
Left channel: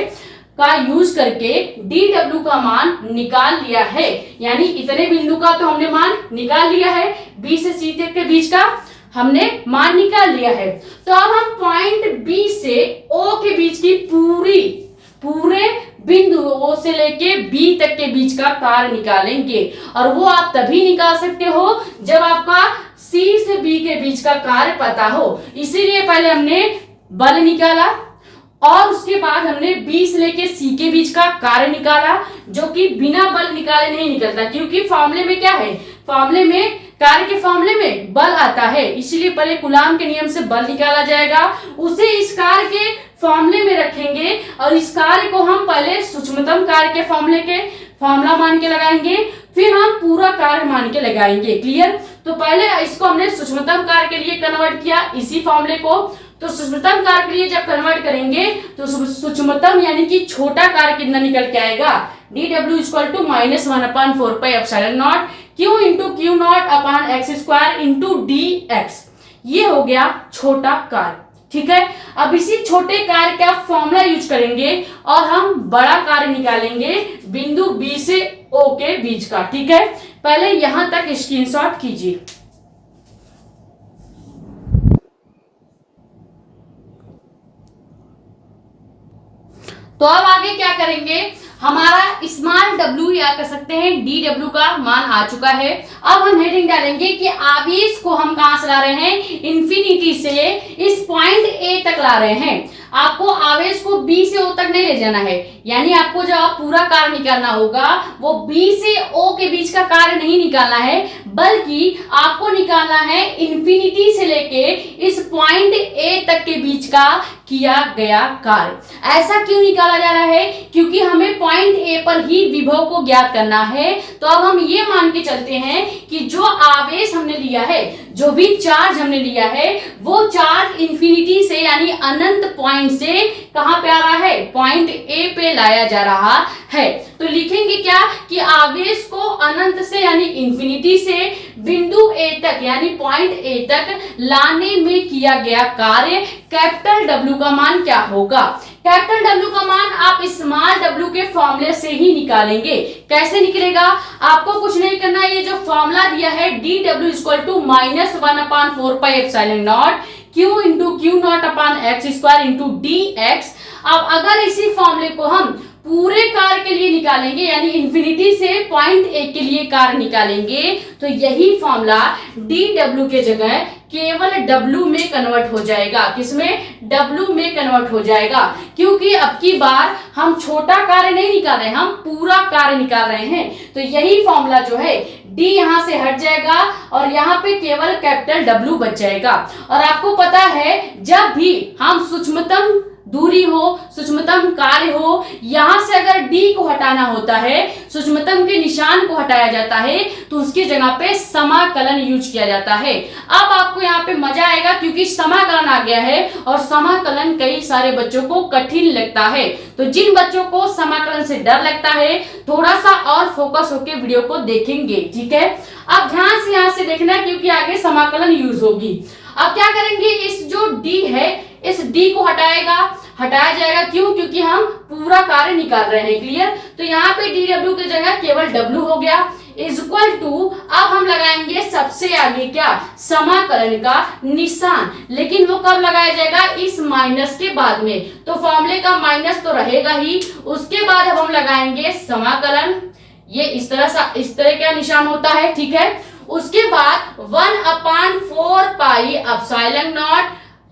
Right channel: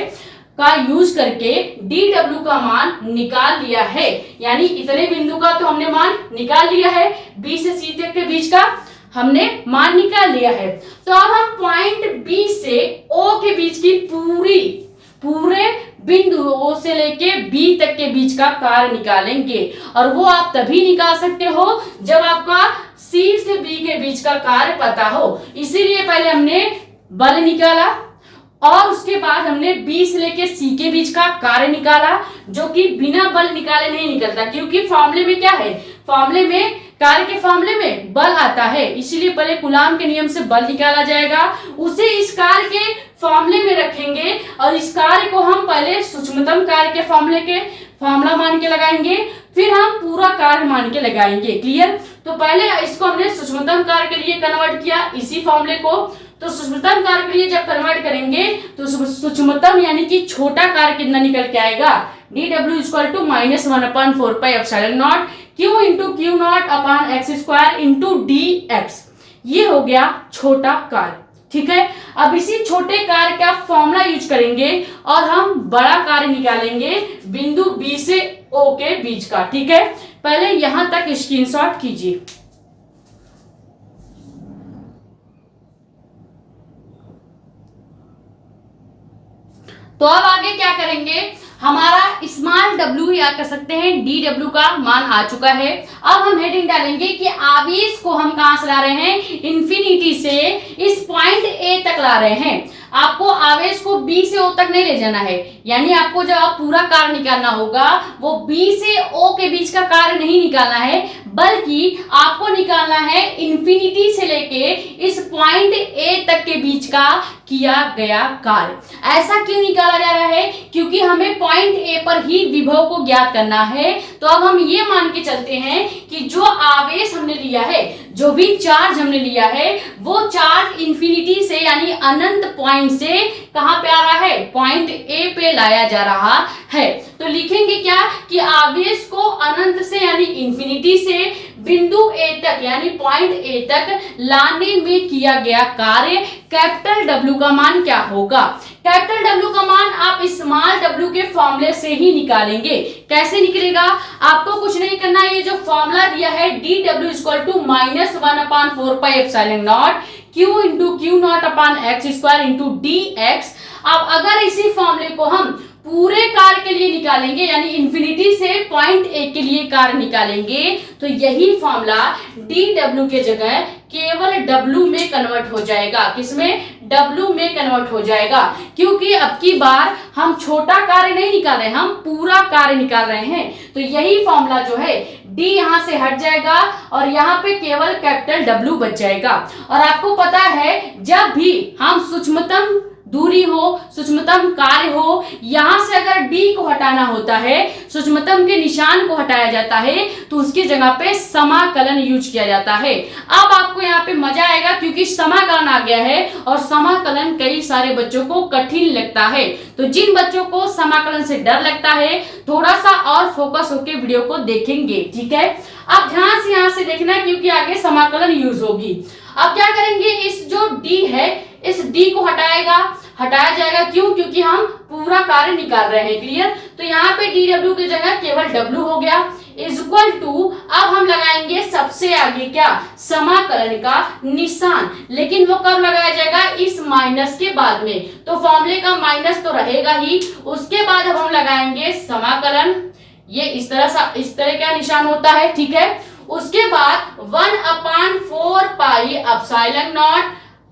का यूज करके डी डब्ल्यू का मान निकाल लिया है, यानी इतने बिंदु का तो हमने मान निकाल लिया है, बी से सी तक के बीच का हमने मान निकाल लिया है। तो अब हम पॉइंट बी से ओ के बीच की पूरे बिंदु ओ से लेके बी तक के बीच का कार्य निकालेंगे। और वो आप तभी निकाल सकते हो जब आपका सी से बी के बीच का कार्य पता हो। इसीलिए पहले हमने बल निकाला और उसके बाद हमने बी से लेके सी के बीच का कार्य निकाला, जो कि बिना बल निकाले नहीं निकलता, क्योंकि फॉर्मूले में क्या है, फॉर्मूले में कार्य के फॉर्मूले में बल आता है, इसीलिए पहले कूलाम के नियम से बल निकाला जाएगा, उसे इस कार्य के फॉर्मूले में रखेंगे और इस कार्य को हम पहले सूक्ष्मतम कार्य के फॉर्मूला मान के लगाएंगे, फिर हम पूरा कार्य मान के लगाएंगे। क्लियर? तो पहले इसको हमने सूक्ष्मतम कार्य के लिए कन्वर्ट किया इसी फॉर्मूले को। तो सूक्ष्मतम कार्य के लिए जब कन्वर्ट करेंगे तो सूक्ष्मतम यानी कि छोटा कार्य कितना निकल के आएगा, डी डब्ल्यू equal to -1/4 pi epsilon naught q into q naught upon x square into d x. ये हो गया छोटा कार्य। ठीक है, अब इसी छोटे कार्य का फॉर्मूला यूज करेंगे और हम बड़ा कार्य निकालेंगे बिंदु बी से ओ के बीच का। ठीक है, पहले यहां तक स्क्रीनशॉट कीजिए। तो अब आगे क्या करेंगे, हमारा स्मॉल डब्ल्यू या कर सकते हैं डी डब्ल्यू का मान आ चुका है। अब हम हेडिंग डालेंगे कि आवेश को हम कहां से ला रहे हैं, इन्फिनिटी से इस पॉइंट ए तक ला रहे हैं। आपको आवेश को बी से ओ तक नहीं ले जाना है, यानी आपको जब आप पूरा कार्य निकालना होगा वो बी से ओ के बीच का कार्य नहीं निकालना है, बल्कि आपको निकालना है इन्फिनिटी से लेके इस पॉइंट ए तक के बीच का किया गया कार्य। ऐसा क्यों निकाला जा रहा है, क्योंकि हमें पॉइंट ए पर ही विभव को ज्ञात करना है। तो अब हम ये मान के चलते हैं कि जो आवेश हमने लिया है, जो भी चार्ज हमने लिया है, वो चार्ज इन्फिनिटी से यानी अनंत पॉइंट से कहां पे आ रहा है, पॉइंट ए पे लाया जा रहा है। तो लिखेंगे क्या कि आवेश को अनंत से यानी इन्फिनिटी से बिंदु ए तक यानी पॉइंट ए तक लाने में किया गया कार्य कैपिटल डब्ल्यू का मान क्या होगा। कैपिटल डब्ल्यू का मान आप स्मॉल डब्ल्यू के फॉर्मूले से ही निकालेंगे। कैसे निकलेगा, आपको कुछ नहीं करना, ये जो फॉर्मूला दिया है डी डब्ल्यू equal to -1/4 pi epsilon naught q into q naught upon x square into d x. अब अगर इसी फॉर्मूले को हम पूरे कार्य के लिए निकालेंगे यानी इन्फिनिटी से पॉइंट ए के लिए कार्य निकालेंगे, तो यही फॉर्मूला डी डब्ल्यू के जगह केवल डब्ल्यू में कन्वर्ट हो जाएगा। किसमें, डब्ल्यू में कन्वर्ट हो जाएगा, क्योंकि अब की बार हम छोटा कार्य नहीं निकाल रहे हैं, हम पूरा कार्य निकाल रहे हैं। तो यही फॉर्मूला जो है डी यहां से हट जाएगा और यहाँ पे केवल कैपिटल डब्ल्यू बच जाएगा। और आपको पता है जब भी हम सूक्ष्मतम दूरी हो, सूक्ष्मतम कार्य हो, यहाँ से अगर डी को हटाना होता है, सूक्ष्मतम के निशान को हटाया जाता है, तो उसकी जगह पे समाकलन यूज किया जाता है। अब आपको यहाँ पे मजा आएगा क्योंकि समाकलन आ गया है और समाकलन कई सारे बच्चों को कठिन लगता है। तो जिन बच्चों को समाकलन से डर लगता है थोड़ा सा और फोकस होकर वीडियो को देखेंगे, ठीक है। अब ध्यान से यहाँ से देखना क्योंकि आगे समाकलन यूज होगी। अब क्या करेंगे, इस जो डी है इस डी को हटाया जाएगा। क्यों? क्योंकि हम पूरा कार्य निकाल रहे हैं। क्लियर? तो यहाँ पे डी डब्ल्यू की जगह केवल डब्ल्यू हो गया इज इक्वल टू, अब हम लगाएंगे सबसे आगे क्या, समाकलन का निशान। लेकिन वो कब लगाया जाएगा, इस माइनस के बाद में। तो फॉर्मूले का माइनस तो रहेगा ही, उसके बाद अब हम लगाएंगे समाकलन। ये इस तरह का निशान होता है, ठीक है। उसके बाद 1/4 पाई एप्सिलॉन नॉट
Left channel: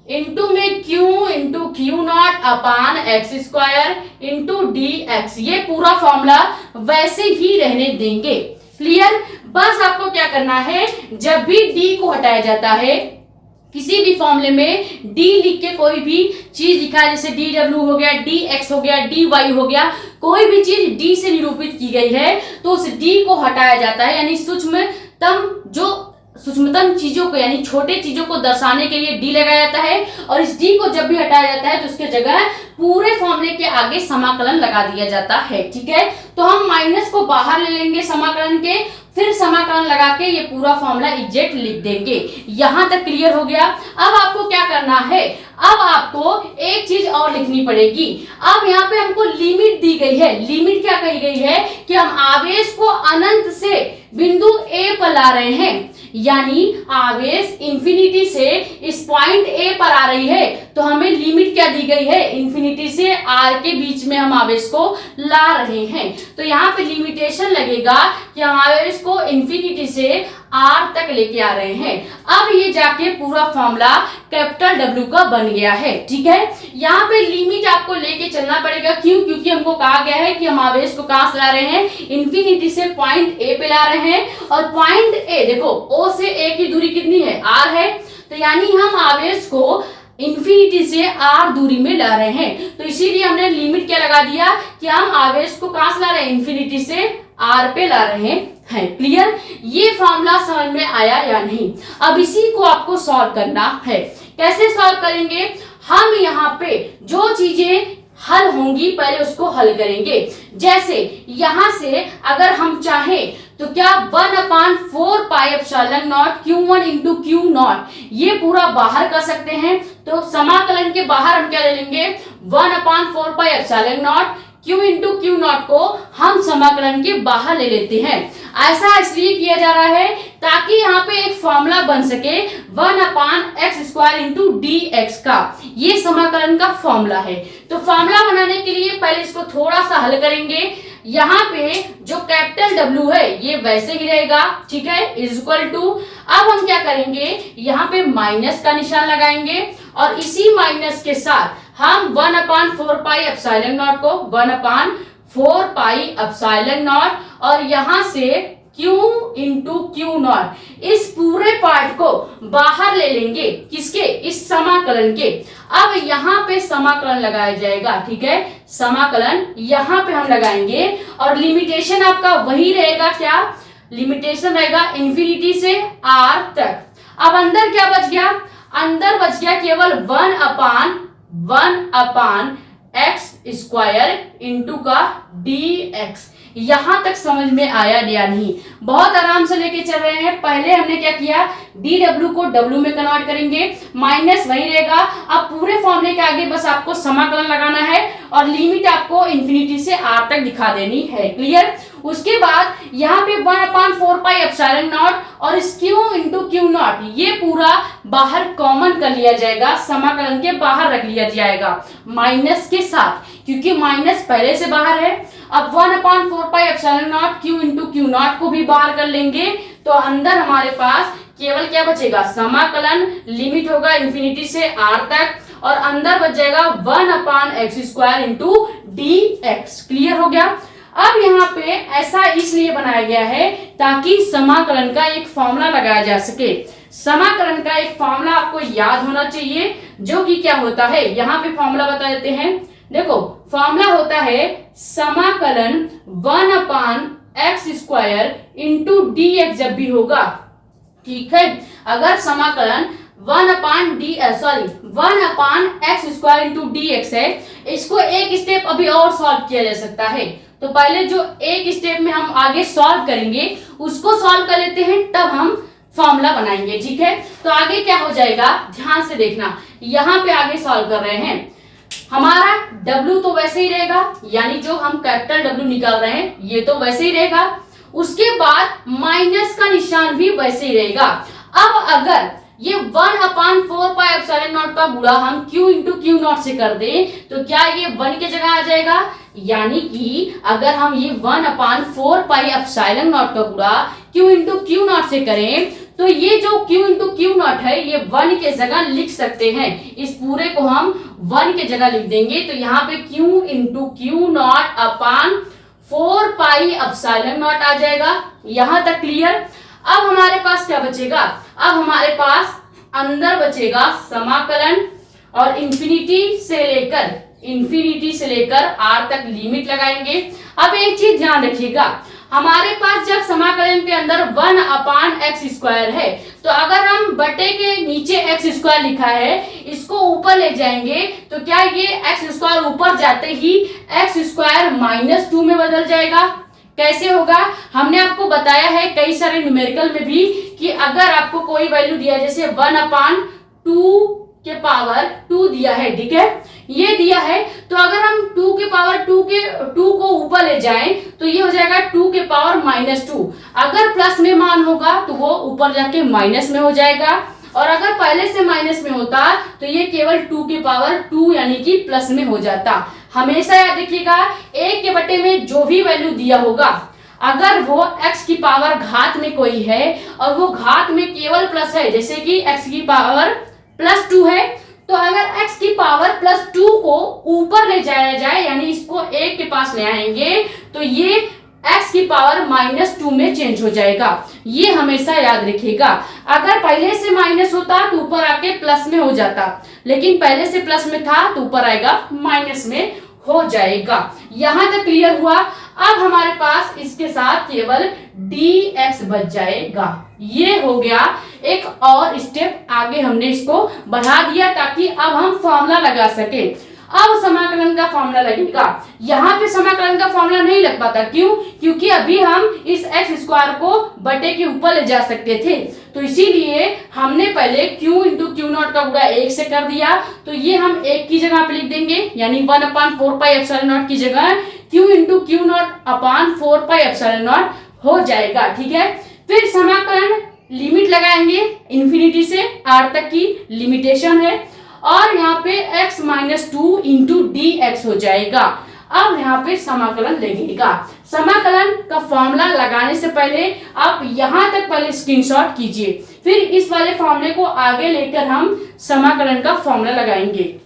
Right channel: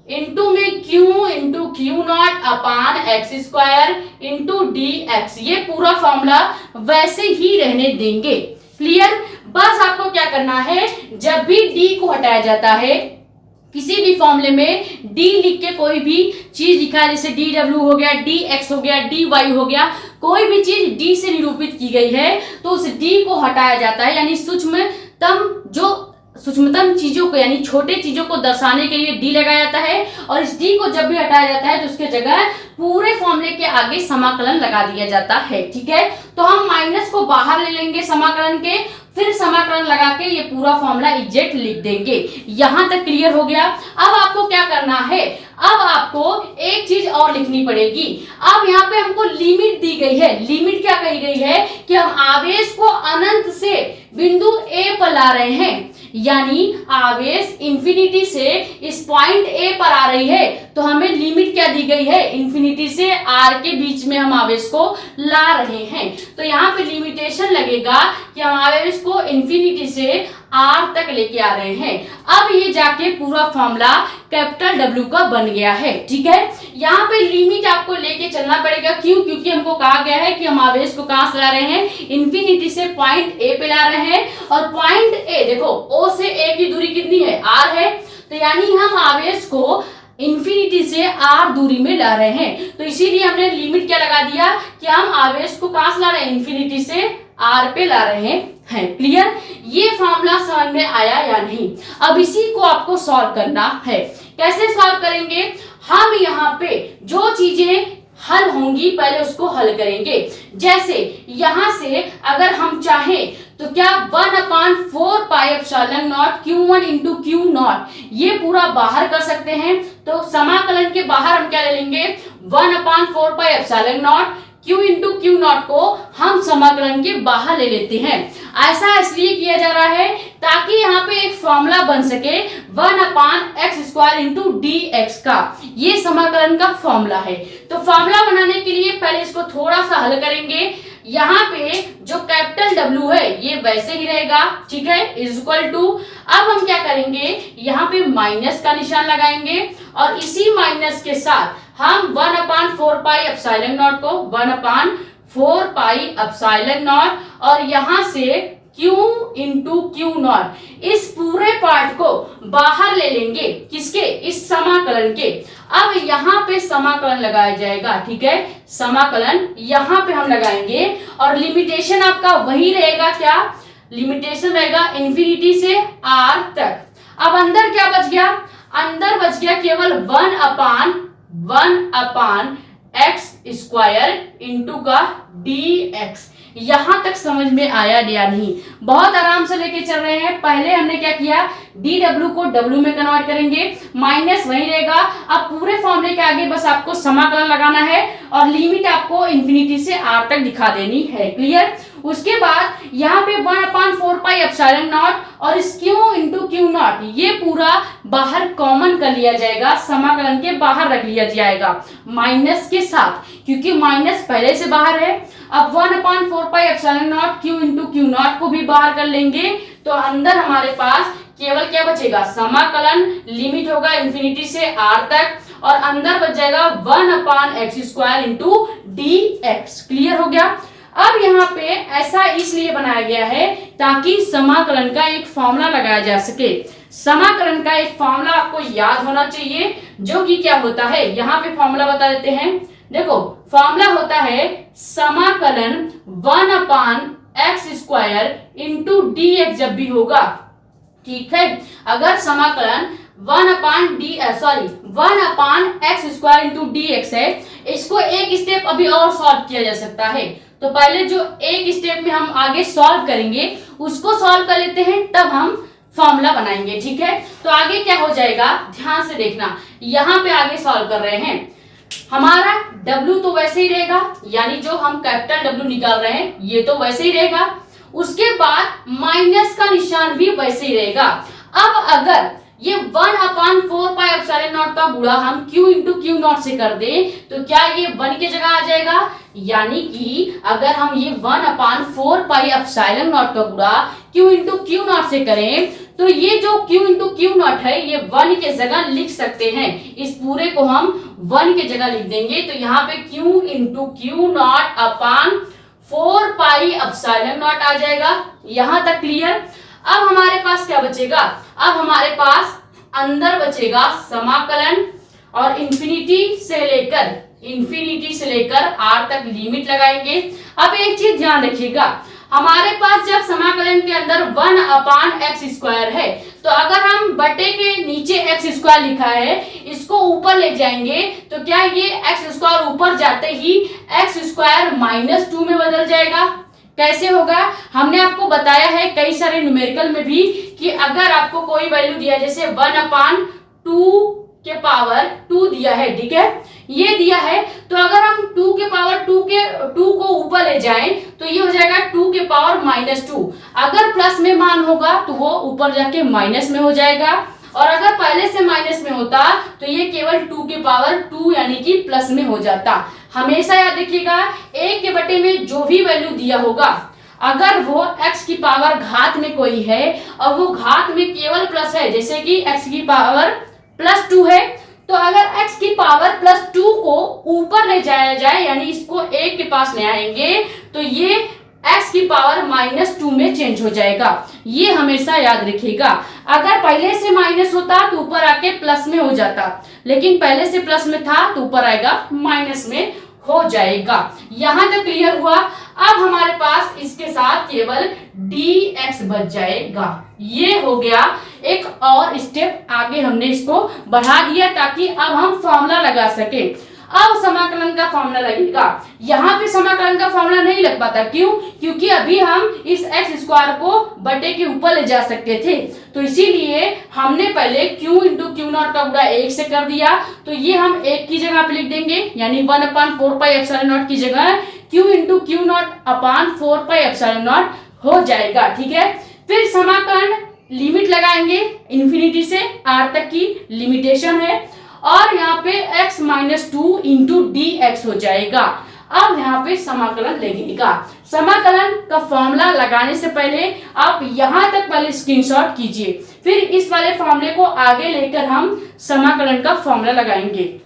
इंटू में Q into q naught upon x square into d x. ये पूरा फॉर्मूला वैसे ही रहने देंगे। क्लियर? बस आपको क्या करना है, जब भी डी को हटाया जाता है किसी भी फॉर्मूले में डी लिख के कोई भी चीज लिखा है, जैसे डी डब्ल्यू हो गया, डी एक्स हो गया, डी वाई हो गया, कोई भी चीज डी से निरूपित की गई है तो उस डी को हटाया जाता है। यानी सूक्ष्मतम चीजों को यानी छोटे चीजों को दर्शाने के लिए डी लगाया जाता है और इस डी को जब भी हटाया जाता है तो उसके जगह पूरे फॉर्मूले के आगे समाकलन लगा दिया जाता है, ठीक है। तो हम माइनस को बाहर ले लेंगे समाकलन के, फिर समाकलन लगा के ये पूरा फॉर्मूला एग्जैक्ट लिख देंगे। यहां तक क्लियर हो गया। अब आपको क्या करना है, अब आपको एक चीज और लिखनी पड़ेगी। अब यहाँ पे हमको लिमिट दी गई है। लिमिट क्या कही गई है कि हम आवेश को अनंत से बिंदु ए पर ला रहे हैं, यानी आवेश इंफिनिटी से इस पॉइंट ए पर आ रही है। तो हमें लिमिट क्या दी गई है, इंफिनिटी से आर के बीच में हम आवेश को ला रहे हैं। तो यहाँ पे लिमिटेशन लगेगा कि हम आवेश को इंफिनिटी से आर तक लेके आ रहे हैं। अब ये जाके पूरा फॉर्मूला कैपिटल डब्ल्यू का बन गया है, ठीक है। यहाँ पे लिमिट आपको लेके चलना पड़ेगा। क्यों? क्योंकि हमको कहा गया है कि हम आवेश को कहां से ला रहे हैं, इंफिनिटी से पॉइंट ए पे ला रहे हैं। और पॉइंट ए देखो, ओ से ए की दूरी कितनी है, आर है। तो यानी हम आवेश को इंफिनिटी से आर दूरी में ला रहे हैं। तो इसीलिए हमने लिमिट क्या लगा दिया कि हम आवेश को कहां से ला रहे हैं, इंफिनिटी से आर पे ला रहे हैं। क्लियर? ये फॉर्मूला समझ में आया या नहीं? अब इसी को आपको सॉल्व करना है। कैसे सॉल्व करेंगे, हम यहाँ पे जो चीजें हल होंगी पहले उसको हल करेंगे। जैसे यहां से अगर हम चाहें तो क्या 1/4 pi epsilon not Q1 into q naught, ये पूरा बाहर कर सकते हैं। तो समाकलन के बाहर हम क्या ले लेंगे, 1/4 pi epsilon naught Q into q not को हम समाकलन के बाहर ले लेते हैं। ऐसा इसलिए किया जा रहा है ताकि यहाँ पे एक फॉर्मूला बन सके 1/x² इंटू डी एक्स का। ये समाकलन का फॉर्मूला है। तो फॉर्मूला बनाने के लिए पहले इसको थोड़ा सा हल करेंगे। यहाँ पे जो कैपिटल डब्ल्यू है ये वैसे ही रहेगा, ठीक है, इज इक्वल टू। अब हम क्या करेंगे, यहाँ पे माइनस का निशान लगाएंगे और इसी माइनस के साथ हम 1/4 पाई एप्सिलॉन नॉट को 1/4 पाई एप्सिलॉन नॉट और यहां से Q इंटू क्यू नॉट, इस पूरे पार्ट को बाहर ले लेंगे। किसके, इस समाकलन के। अब यहाँ पे समाकलन लगाया जाएगा, ठीक है, समाकलन यहाँ पे हम लगाएंगे और लिमिटेशन आपका वही रहेगा। क्या लिमिटेशन रहेगा, इंफिनिटी से आर तक। अब अंदर क्या बच गया, अंदर बच गया केवल 1/x² इंटू का dx। यहां तक समझ में आया या नहीं? बहुत आराम से लेके चल रहे हैं। पहले हमने क्या किया, डी डब्ल्यू को डब्ल्यू में कन्वर्ट करेंगे, माइनस वही रहेगा। अब पूरे फॉर्मूले के आगे बस आपको समाकलन लगाना है और लिमिट आपको इंफिनिटी से आर तक दिखा देनी है। क्लियर? उसके बाद यहाँ पे 1/4 पाई एप्सिलॉन नॉट और इस Q इंटू क्यू नॉट ये पूरा बाहर कॉमन कर लिया जाएगा, समाकलन के बाहर रख लिया जाएगा माइनस के साथ, क्योंकि माइनस पहले से बाहर है। अब 1/4 pi epsilon naught Q into q not को भी बाहर कर लेंगे तो अंदर हमारे पास केवल क्या बचेगा, समाकलन। लिमिट होगा इंफिनिटी से आर तक और अंदर बच जाएगा 1/x² इंटू dx। क्लियर हो गया? अब यहाँ पे ऐसा इसलिए बनाया गया है ताकि समाकलन का एक फॉर्मूला लगाया जा सके। समाकलन का एक फॉर्मूला आपको याद होना चाहिए, जो कि क्या होता है, यहाँ पे फॉर्मूला बता देते हैं। देखो फॉर्मूला होता है समाकलन 1/x² इंटू dx जब भी होगा, ठीक है। अगर समाकलन 1/x² इंटू dx है, इसको एक स्टेप अभी और सॉल्व किया जा सकता है। तो पहले जो एक स्टेप में हम आगे सॉल्व करेंगे उसको सॉल्व कर लेते हैं, तब हम फॉर्मूला बनाएंगे, ठीक है। तो आगे क्या हो जाएगा, ध्यान से देखना। यहाँ पे आगे सॉल्व कर रहे हैं, हमारा W तो वैसे ही रहेगा, यानी जो हम कैपिटल W निकाल रहे हैं ये तो वैसे ही रहेगा। उसके बाद माइनस का निशान भी वैसे ही रहेगा। अब अगर ये 1/4πε0 का गुणा हम Q इंटू Q0 से कर दें तो क्या ये 1 की जगह आ जाएगा, यानी कि अगर हम ये 1/4πε0 का गुणा Q इंटू Q0 से करें तो ये जो Q इंटू Q0 है ये 1 के जगह लिख सकते हैं। इस पूरे को हम 1 के जगह लिख देंगे, तो यहाँ पे Q इंटू Q0/4πε0 आ जाएगा। यहां तक क्लियर। अब हमारे पास क्या बचेगा, अब हमारे पास अंदर बचेगा समाकलन और इंफिनिटी से लेकर r तक लिमिट लगाएंगे। अब एक चीज ध्यान रखिएगा, हमारे पास जब समाकलन के अंदर 1/x² है, तो अगर हम बटे के नीचे x² लिखा है इसको ऊपर ले जाएंगे तो क्या ये x² ऊपर जाते ही x² -2 में बदल जाएगा। कैसे होगा, हमने आपको बताया है कई सारे न्यूमेरिकल में भी कि अगर आपको कोई वैल्यू दिया है, जैसे 1/2 के पावर 2 दिया है, ठीक है, ये दिया है, तो अगर हम 2 के पावर 2 को ऊपर ले जाएं तो ये हो जाएगा 2 के पावर -2। अगर प्लस में मान होगा तो वो ऊपर जाके माइनस में हो जाएगा, और अगर पहले से माइनस में होता तो ये केवल 2 के पावर 2 यानी कि प्लस में हो जाता। हमेशा याद रखिएगा, एक के बटे में जो भी वैल्यू दिया होगा, अगर वो x की पावर घात में कोई है और वो घात में केवल प्लस है, जैसे कि x की पावर +2 है, तो अगर x की पावर +2 को ऊपर ले जाया जाए, यानी इसको 1 के पास ले आएंगे, तो ये x की पावर -2 में चेंज हो जाएगा। ये हमेशा याद रखिएगा। अगर पहले से माइनस होता तो ऊपर आके प्लस में हो जाता, लेकिन पहले से प्लस में था तो ऊपर आएगा माइनस में हो जाएगा। यहां तक क्लियर हुआ। अब हमारे पास इसके साथ केवल dx बच जाएगा। ये हो गया, एक और स्टेप आगे हमने इसको बढ़ा दिया ताकि अब हम फॉर्मूला लगा सके। अब समाकलन का फॉर्मूला लगेगा। यहाँ पे समाकलन का फॉर्मूला नहीं लग पाता, क्यों, क्योंकि अभी हम इस x² को बटे के ऊपर ले जा सकते थे, तो इसीलिए हमने पहले Q इंटू Q0 का गुणा 1 से कर दिया, तो ये हम 1 की जगह पे लिख देंगे, यानी 1/4πε0 की जगह Q इंटू Q0/4πε0 हो जाएगा, ठीक है। फिर समाकलन लिमिट लगाएंगे, इंफिनिटी से r तक की लिमिटेशन है, और यहाँ पे x-2 इंटू dx हो जाएगा। अब यहाँ पे समाकलन लगेगा। समाकलन का फॉर्मूला लगाने से पहले आप यहाँ तक पहले स्क्रीनशॉट कीजिए, फिर इस वाले फॉर्मूले को आगे लेकर हम समाकलन का फॉर्मूला लगाएंगे।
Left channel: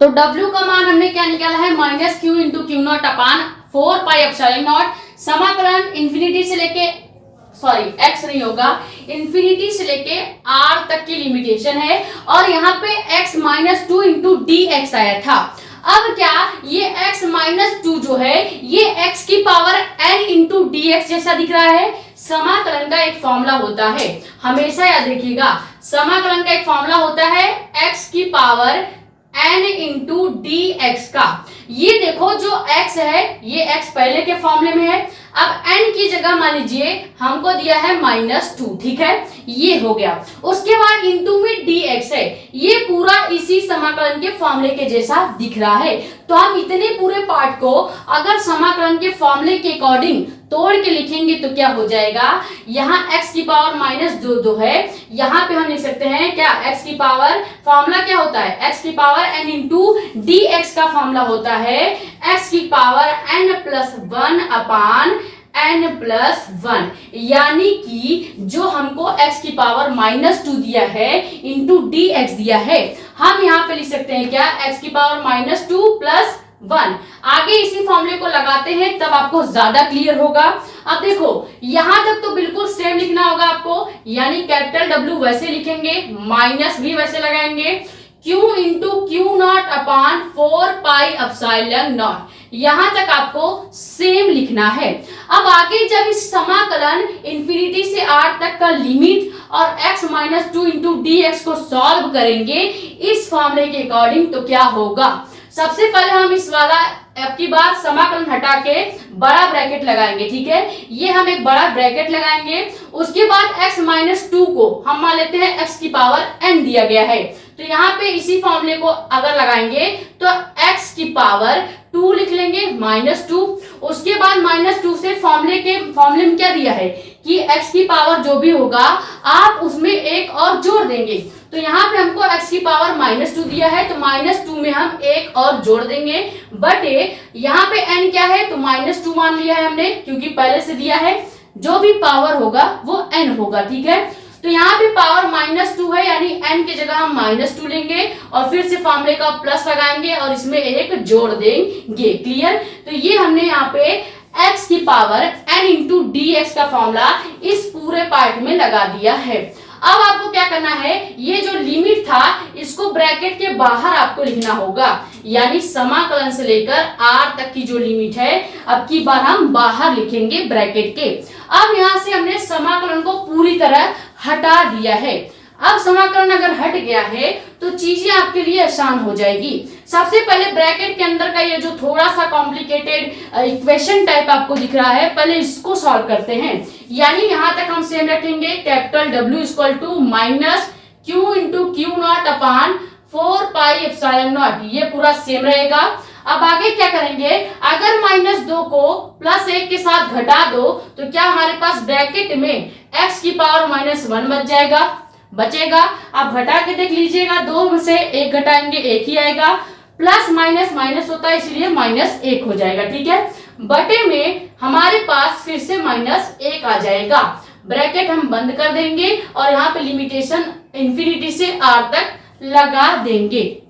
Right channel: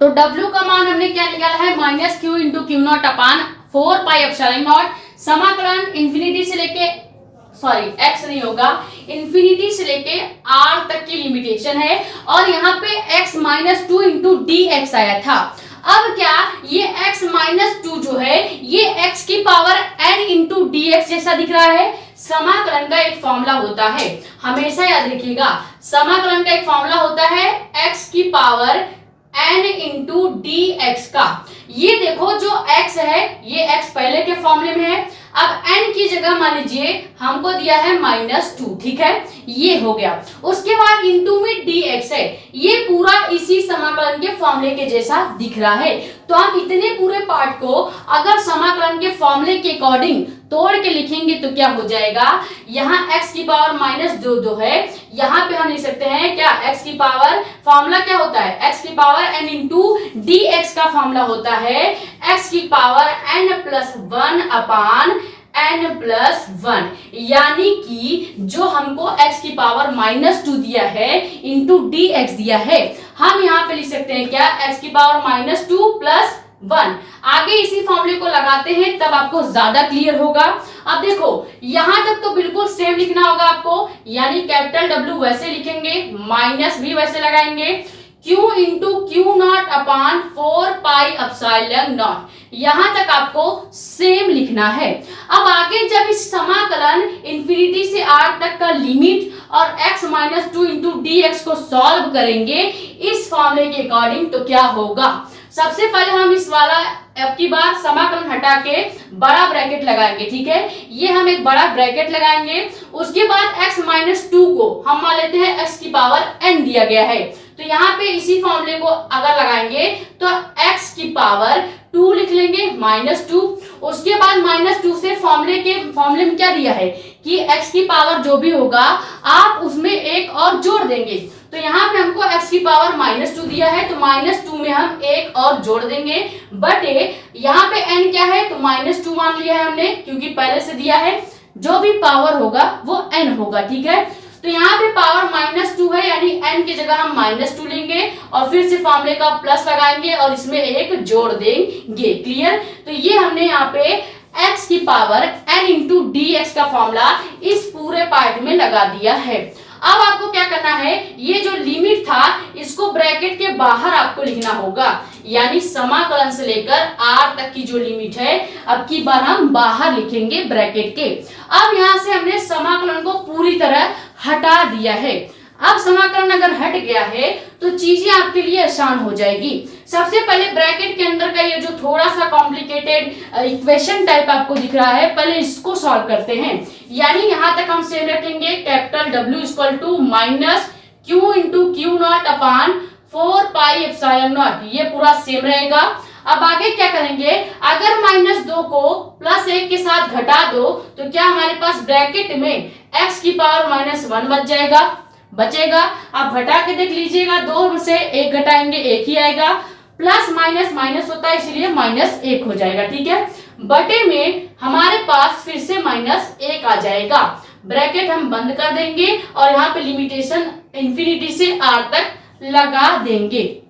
तो W का मान हमने क्या निकाला है, -q इंटू Q0/4πε0। समाकलन इंफिनिटी से लेके x नहीं होगा, इंफिनिटी से लेके r तक की लिमिटेशन है, और यहाँ पे x-2 इंटू dx आया था। अब क्या ये x-2 जो है ये x की पावर n इंटू dx जैसा दिख रहा है। समाकलन का एक फॉर्मूला होता है, हमेशा याद रखिएगा, समाकलन का एक फॉर्मूला होता है x की पावर n इंटू dx का। ये देखो जो x है ये x पहले के फॉर्मूले में है, अब n की जगह मान लीजिए हमको दिया है -2, ठीक है, ये हो गया। उसके बाद इंटू में dx है, ये पूरा इसी समाकलन के फॉर्मूले के जैसा दिख रहा है। तो हम इतने पूरे पार्ट को अगर समाकलन के फॉर्मूले के अकॉर्डिंग तोड़ के लिखेंगे तो क्या हो जाएगा, यहाँ x की पावर -2 है, यहाँ पे हम लिख सकते हैं क्या, x की पावर, फॉर्मूला क्या होता है, x की पावर n इंटू dx का फॉर्मूला होता है x की पावर n+1/n+1, यानी कि जो हमको x की पावर -2 दिया है इंटू dx दिया है, हम यहाँ पे लिख सकते हैं क्या, x की पावर -2 + 1। आगे इसी फॉर्मूले को लगाते हैं तब आपको ज्यादा क्लियर होगा। अब देखो यहां तक तो बिल्कुल सेम लिखना होगा आपको, यानी कैपिटल W वैसे लिखेंगे, माइनस भी वैसे लगाएंगे, Q into q naught upon 4 pi epsilon not, यहां तक आपको सेम लिखना है। अब आगे जब इस समाकलन इंफिनिटी से r तक का लिमिट और x minus 2 into d x को सॉल्व करेंगे इस फॉर्मूले के अकॉर्डिंग, तो क्या होगा। सबसे पहले हम इस वाला अब की बार समाकलन हटा के बड़ा ब्रैकेट लगाएंगे, ठीक है, ये हम एक बड़ा ब्रैकेट लगाएंगे। उसके बाद x माइनस 2 को हम मान लेते हैं x की पावर n दिया गया है, तो यहाँ पे इसी फॉर्मूले को अगर लगाएंगे तो x की पावर 2 लिख लेंगे माइनस 2। उसके बाद माइनस 2 से फॉर्मूले में क्या दिया है कि x की पावर जो भी होगा आप उसमें एक और जोड़ देंगे, तो यहाँ पे हमको x की पावर माइनस 2 दिया है, तो माइनस 2 में हम एक और जोड़ देंगे, बट यहाँ पे n क्या है तो माइनस 2 मान लिया है हमने, क्योंकि पहले से दिया है जो भी पावर होगा वो n होगा, ठीक है। तो यहाँ पे पावर माइनस 2 है, यानी n की जगह हम माइनस 2 लेंगे और फिर से फॉर्मूले का प्लस लगाएंगे और इसमें एक जोड़ देंगे, क्लियर। तो ये हमने यहाँ पे x की power n into d x का फॉर्मूला इस पूरे पार्ट में लगा दिया है। अब आपको क्या करना है, ये जो लिमिट था इसको ब्रैकेट के बाहर आपको लिखना होगा, यानी समाकलन से लेकर r तक की जो लिमिट है अब की बार हम बाहर लिखेंगे ब्रैकेट के। अब यहाँ से हमने समाकलन को पूरी तरह हटा दिया है। अब समाकलन अगर हट गया है तो चीजें आपके लिए आसान हो जाएगी। सबसे पहले ब्रैकेट के अंदर का ये जो थोड़ा सा कॉम्प्लिकेटेड इक्वेशन टाइप आपको दिख रहा है, पहले इसको सॉल्व करते हैं। यानी यहां तक हम सेम रखेंगे, capital W equal to minus Q into q naught upon 4 pi epsilon naught, ये पूरा सेम रहेगा। अब आगे क्या करेंगे, अगर माइनस 2 को प्लस 1 के साथ घटा दो तो क्या हमारे पास ब्रैकेट में x की पावर माइनस 1 बचेगा। आप घटा के देख लीजिएगा, 2 में से 1 घटाएंगे 1 ही आएगा, प्लस माइनस माइनस होता है इसलिए माइनस 1 हो जाएगा, ठीक है। बटे में हमारे पास फिर से माइनस 1 आ जाएगा, ब्रैकेट हम बंद कर देंगे और यहाँ पे लिमिटेशन इंफिनिटी से r तक लगा देंगे।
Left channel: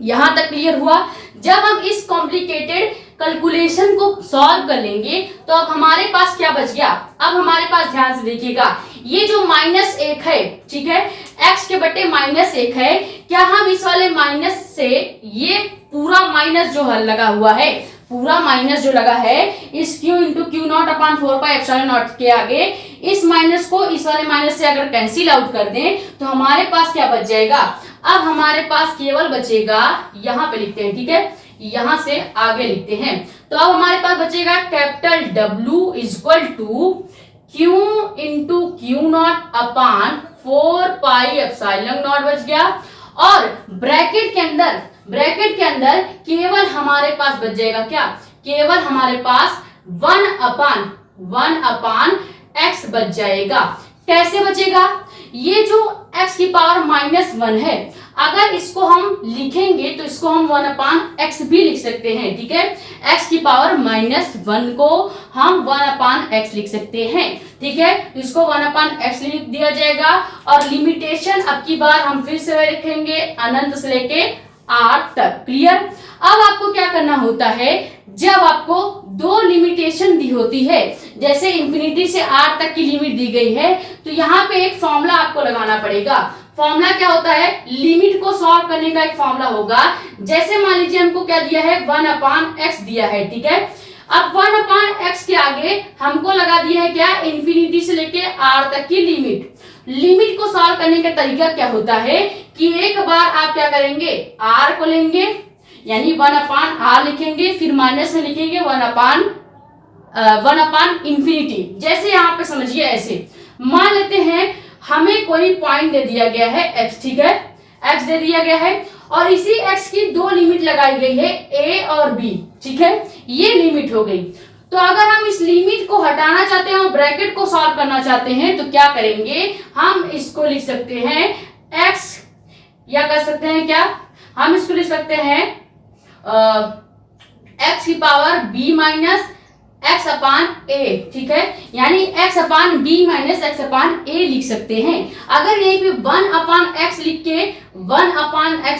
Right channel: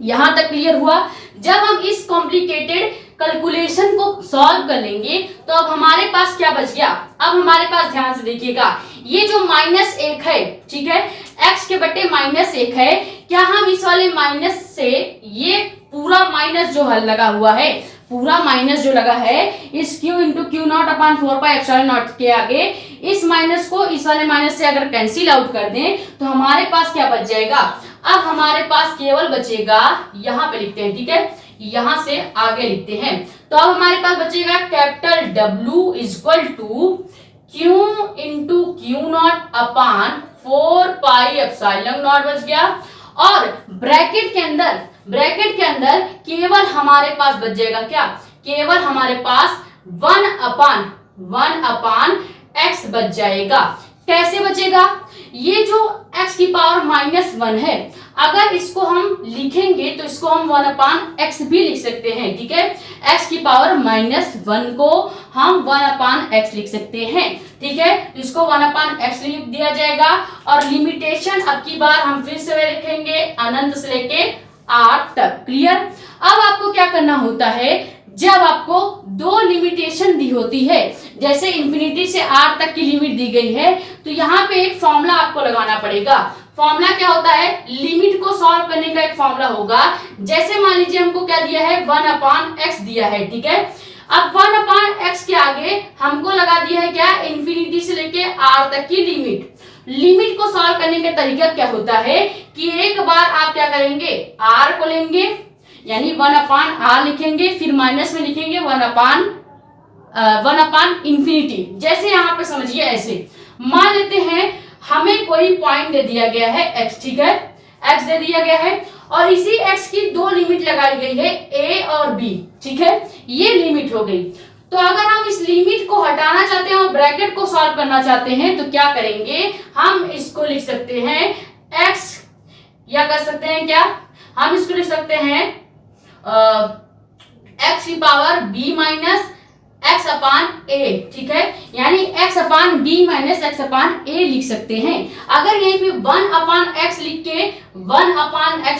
यहां तक क्लियर हुआ। जब हम इस कॉम्प्लिकेटेड कैलकुलेशन को सॉल्व कर लेंगे तो अब हमारे पास क्या बच गया, अब हमारे पास ध्यान से देखिएगा, ये जो माइनस 1 है, ठीक है, x के बटे माइनस 1 है, क्या हम इस वाले माइनस से ये पूरा माइनस जो है लगा हुआ है, पूरा माइनस जो लगा है इस q into q naught upon 4 pi epsilon not के आगे इस माइनस को इस वाले माइनस से अगर कैंसिल आउट कर दें तो हमारे पास क्या बच जाएगा, अब हमारे पास केवल बचेगा, यहाँ पे लिखते हैं, ठीक है, यहां से आगे लिखते हैं, तो अब हमारे पास बचेगा capital W equal to Q into q naught upon 4 pi epsilon naught बच गया। और ब्रैकेट के अंदर केवल हमारे पास बच जाएगा क्या, केवल हमारे पास 1 अपान x बच जाएगा। कैसे बचेगा, ये जो x की पावर माइनस 1 है, अगर इसको हम लिखेंगे तो इसको हम 1 अपान x भी लिख सकते हैं, ठीक है, x की पावर माइनस 1 को हम 1 अपान x लिख सकते हैं, ठीक है, तो इसको 1 अपान x लिख दिया जाएगा। और लिमिटेशन अब की बार हम फिर से रखेंगे अनंत से लेके r तक, क्लियर। अब आपको क्या करना होता है, जब आपको 2 लिमिटेशन दी होती है, जैसे इंफिनिटी से r तक की लिमिट दी गई है, तो यहाँ पे एक फॉर्मूला आपको लगाना पड़ेगा। फॉर्मूला क्या होता है, लिमिट को सॉल्व करने का एक फॉर्मूला होगा। जैसे मान लीजिए हमको क्या दिया है, 1 अपान x दिया है, ठीक है, अब 1 अपान x के आगे हमको लगा दिया है क्या, इंफिनिटी से लेके r तक की लिमिट को सॉल्व करने का तरीका क्या होता है कि एक बार आप क्या करेंगे, r को लेंगे, यानी 1 अपान r लिखेंगे, फिर माइनस में लिखेंगे 1 अपान इंफिनिटी। जैसे यहाँ पे समझिए, ऐसे मान लेते हैं हमें कोई पॉइंट दे दिया गया है x, ठीक है, x दे दिया गया है और इसी x की 2 लिमिट लगाई गई है a और b, ठीक है, ये लिमिट हो गई। तो अगर हम इस लिमिट को हटाना चाहते हैं और ब्रैकेट को सॉल्व करना चाहते हैं तो क्या करेंगे, हम इसको लिख सकते हैं x, या कर सकते हैं क्या, हम इसको लिख सकते हैं x की power b minus x upon a, ठीक है, यानी x upon b minus x upon a लिख सकते हैं। अगर यहीं पे 1 अपान x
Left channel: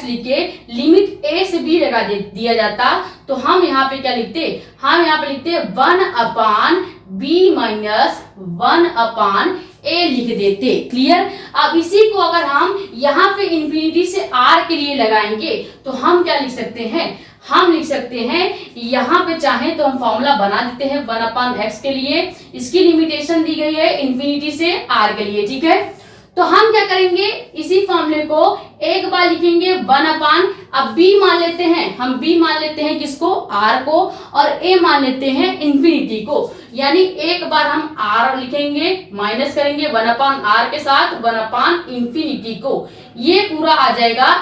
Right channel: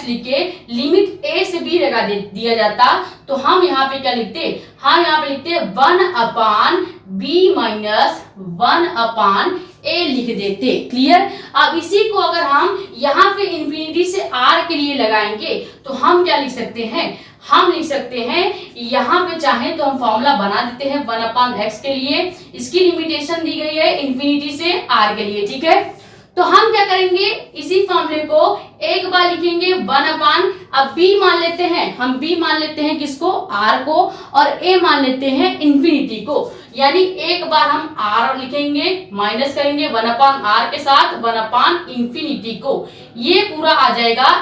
लिख के लिमिट a से b लगा दिया जाता तो हम यहाँ पे क्या लिखते, हम यहाँ पे लिखते 1 अपान b माइनस 1 अपान a लिख देते। क्लियर। अब इसी को अगर हम यहाँ पे इंफिनिटी से r के लिए लगाएंगे तो हम क्या लिख सकते हैं, हम लिख सकते हैं यहाँ पे चाहे तो हम फॉर्मूला बना देते हैं 1 अपान x के लिए, इसकी लिमिटेशन दी गई है इंफिनिटी से r के लिए, ठीक है। तो हम क्या करेंगे, इसी फॉर्मूले को एक बार लिखेंगे 1 अपान, अब b मान लेते हैं, हम b मान लेते हैं किसको, r को, और a मान लेते हैं इंफिनिटी को, यानी एक बार हम r लिखेंगे, माइनस करेंगे 1 अपान r के साथ 1 अपान इंफिनिटी को, ये पूरा आ जाएगा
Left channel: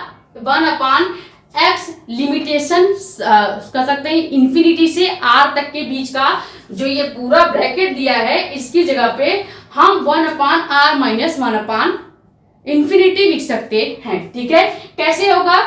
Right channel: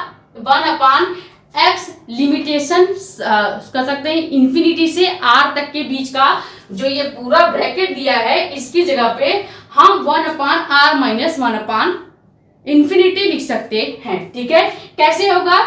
1 अपान x लिमिटेशन कर सकते हैं इंफिनिटी से r तक के बीच का जो ये पूरा ब्रैकेट दिया है, इसकी जगह पे हम 1 अपान r माइनस 1 अपान इंफिनिटी लिख सकते हैं, ठीक है। कैसे होगा,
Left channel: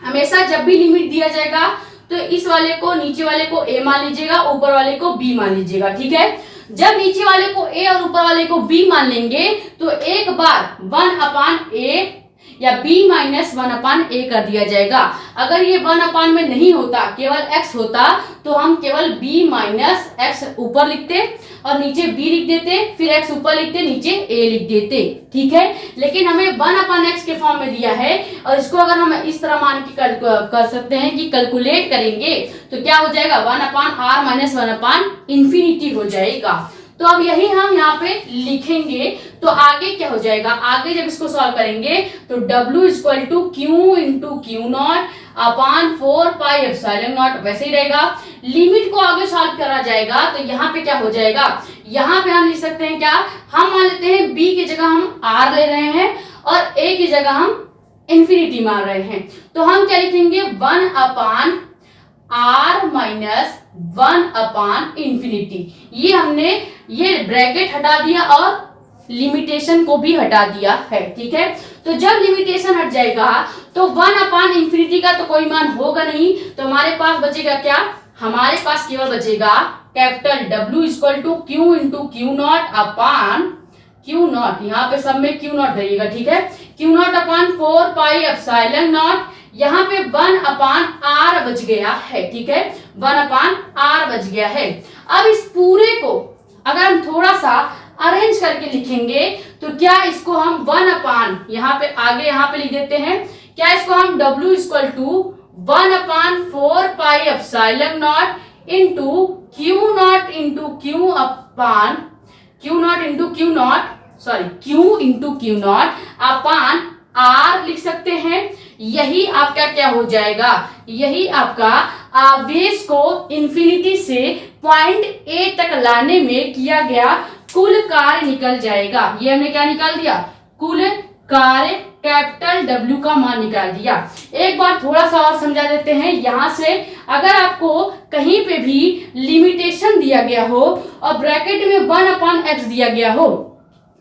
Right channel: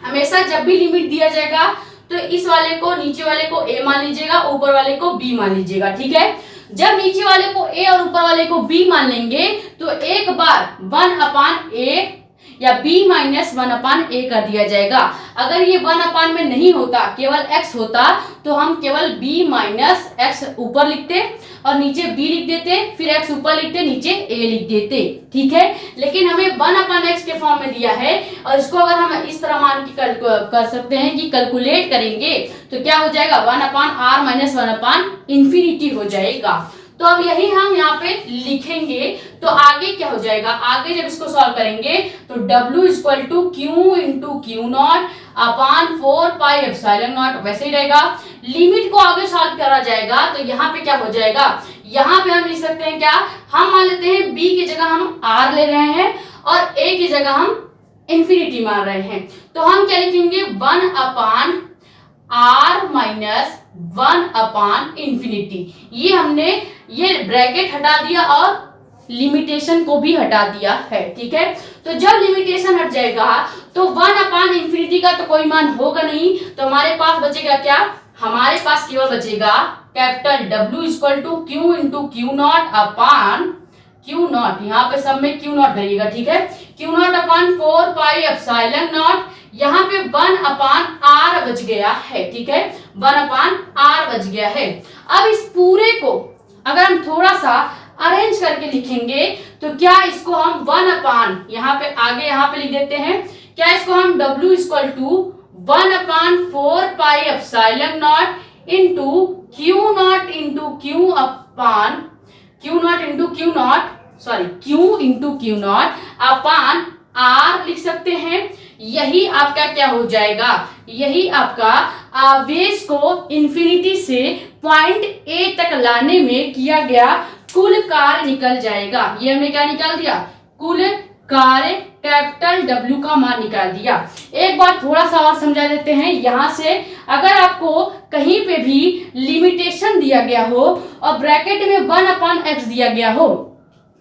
हमेशा जब भी लिमिट दिया जाएगा तो इस वाले को, नीचे वाले को a मान लीजिएगा, ऊपर वाले को b मान लीजिएगा, ठीक है। जब नीचे वाले को a और ऊपर वाले को b मान लेंगे तो एक बार 1 अपान a या b माइनस 1 अपान a कर दिया जाएगा। अगर ये 1 अपान में नहीं होता, केवल x होता, तो हम केवल b माइनस x ऊपर लिखते और नीचे b लिख देते, फिर x ऊपर लिखते, नीचे a लिख देते, ठीक है। लेकिन हमें 1 अपान x के फॉर्म में दिया है और इसको अगर हम इस तरह मान के कर सकते हैं कि कैलकुलेट करेंगे तो क्या हो जाएगा, 1 अपान r माइनस 1 अपान इंफिनिटी हो जाएगा। तो अब यही हम यहाँ पे लिखेंगे तो आगे क्या हो जाएगा, आगे जब इसको सॉल्व करेंगे तो W equal to q into q naught upon 4 pi epsilon naught वैसे ही रहेगा। लिमिट को आगे सॉल्व करा जाएगा तो यहाँ पे क्या हो जाएगा, यहाँ पे हम लिख सकते हैं क्या, हम मान लेते हैं b की जगह हम r ले रहे हैं और a की जगह हम इंफिनिटी मान रहे हैं, तो हम क्या लिखेंगे 1 अपान r माइनस 1 अपान इंफिनिटी। ये हमने ये ब्रैकेट हटा दिया और लिमिटेशन को भी हटा दिया है, ठीक है। तो जब लिमिटेशन हट जाएगा तो 1 अपान इंफिनिटी का तो कोई मान होगा नहीं, तो हमारे पास बचेगा क्या, हमारे पास केवल बचेगा capital W equal to q into q naught upon q naught, यहाँ पे सब में क्यू नॉट रहेगा, ठीक है, q naught upon 4 pi epsilon naught, यहाँ पे 1 अपान r बच गया है, ठीक है, 1 अपान r बच गया है। अब इस पूरे को अगर हम थोड़ा सा अरेंज करके लिखेंगे तो क्या इसको हम 1 अपान यहाँ पे आगे यहाँ पे लिख देते हैं, क्या इसको हम W equal to 1 upon 4 pi epsilon naught into q naught into q upon q naught into q naught sorry q into q naught upon r लिख सकते हैं। यही आपका क्या हो जाएगा, यही आपका आवेश को इंफिनिटी से पॉइंट A तक लाने में किया गया कुल कार्य निकल जाएगा। ये हमने क्या निकाल दिया, कुल कार्य कैपिटल W का मान निकाल दिया। एक बार थोड़ा सा और समझा देते हैं, यहाँ से अगर आपको कहीं पे भी लिमिटेशन दिया गया हो और ब्रैकेट में 1 अपान x दिया गया हो,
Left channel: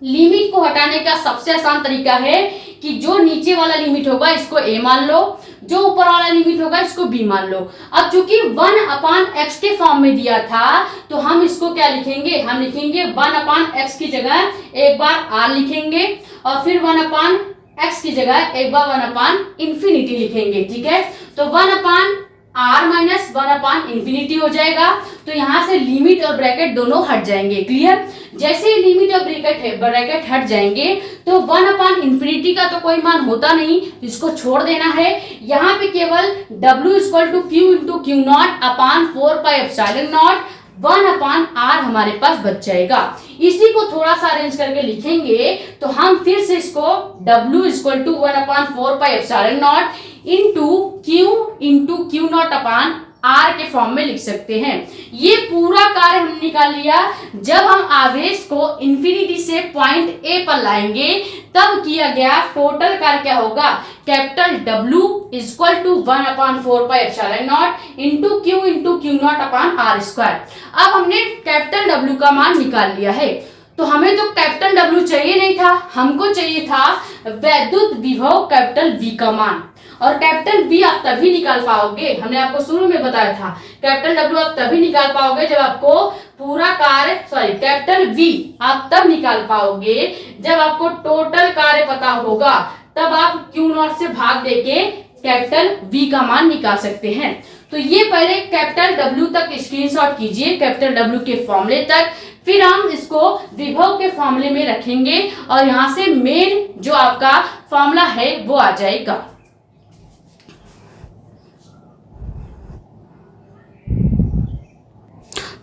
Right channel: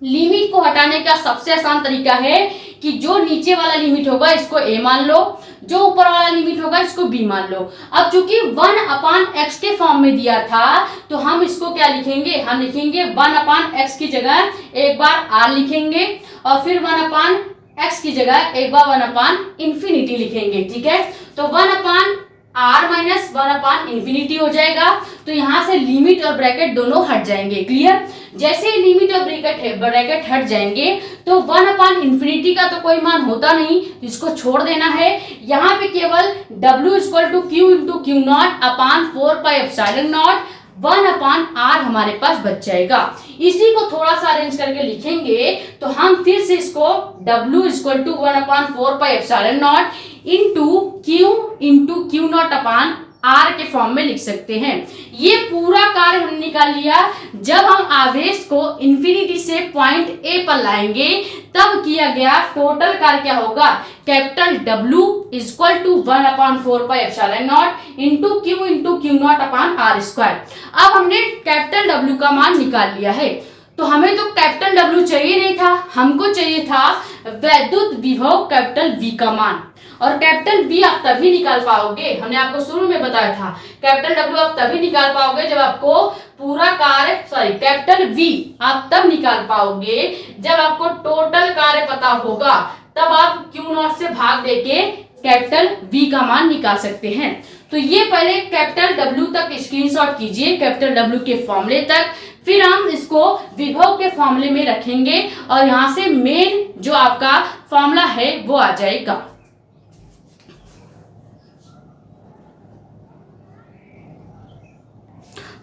लिमिट को हटाने का सबसे आसान तरीका है कि जो नीचे वाला लिमिट होगा इसको a मान लो, जो ऊपर वाला लिमिट होगा इसको b मान लो। अब चूंकि 1 अपान x के फॉर्म में दिया था तो हम इसको क्या लिखेंगे, हम लिखेंगे 1 अपान x की जगह एक बार r लिखेंगे और फिर 1 अपान x की जगह एक बार 1 अपान इंफिनिटी लिखेंगे, ठीक है। तो 1 अपान r माइनस 1 अपान इंफिनिटी हो जाएगा, तो यहाँ से लिमिट और ब्रैकेट दोनों हट जाएंगे। क्लियर। जैसे ही लिमिट और ब्रैकेट हट जाएंगे तो 1 अपान इंफिनिटी का तो कोई मान होता नहीं, इसको छोड़ देना है। यहाँ पे केवल W equal to q into q naught upon 4 pi epsilon naught 1 upon r हमारे पास बच जाएगा। इसी को थोड़ा सा अरेंज करके लिखेंगे तो हम फिर से इसको W equal to 1 upon 4 pi epsilon naught into q naught upon r के फॉर्म में लिख सकते हैं। ये पूरा कार्य हमने निकाल लिया। जब हम आवेश को इंफिनिटी से पॉइंट A पर लाएंगे तब किया गया टोटल कार्य क्या होगा, capital W equal to 1 upon 4 pi epsilon naught into q naught upon r square. अब हमने कैपिटल W का मान निकाल लिया है, तो हमें तो कैपिटल W चाहिए नहीं था, हमको चाहिए था वैद्युत विभव कैपिटल V का मान। और कैपिटल बी आप तभी निकाल पाओगे, हमने आपको शुरू में बताया था, कैपिटल डब्ल्यू आप तभी निकाल पाओगे जब आपको पूरा कार्य कैपिटल वी आप तब निकाल पाओगे जब आपको टोटल कार्य पता होगा, तब आप क्यू नॉट से भाग देके कैपिटल वी का मान निकाल सकते हैं। तो ये पहले कैपिटल डब्ल्यू तक स्क्रीनशॉट कीजिए, कैपिटल डब्ल्यू के फॉर्मूले तक, फिर हम इसको विभव के फॉर्मूले में रखेंगे और यहां से मेन जो आपका फॉर्मूला है वो आ जाएगा।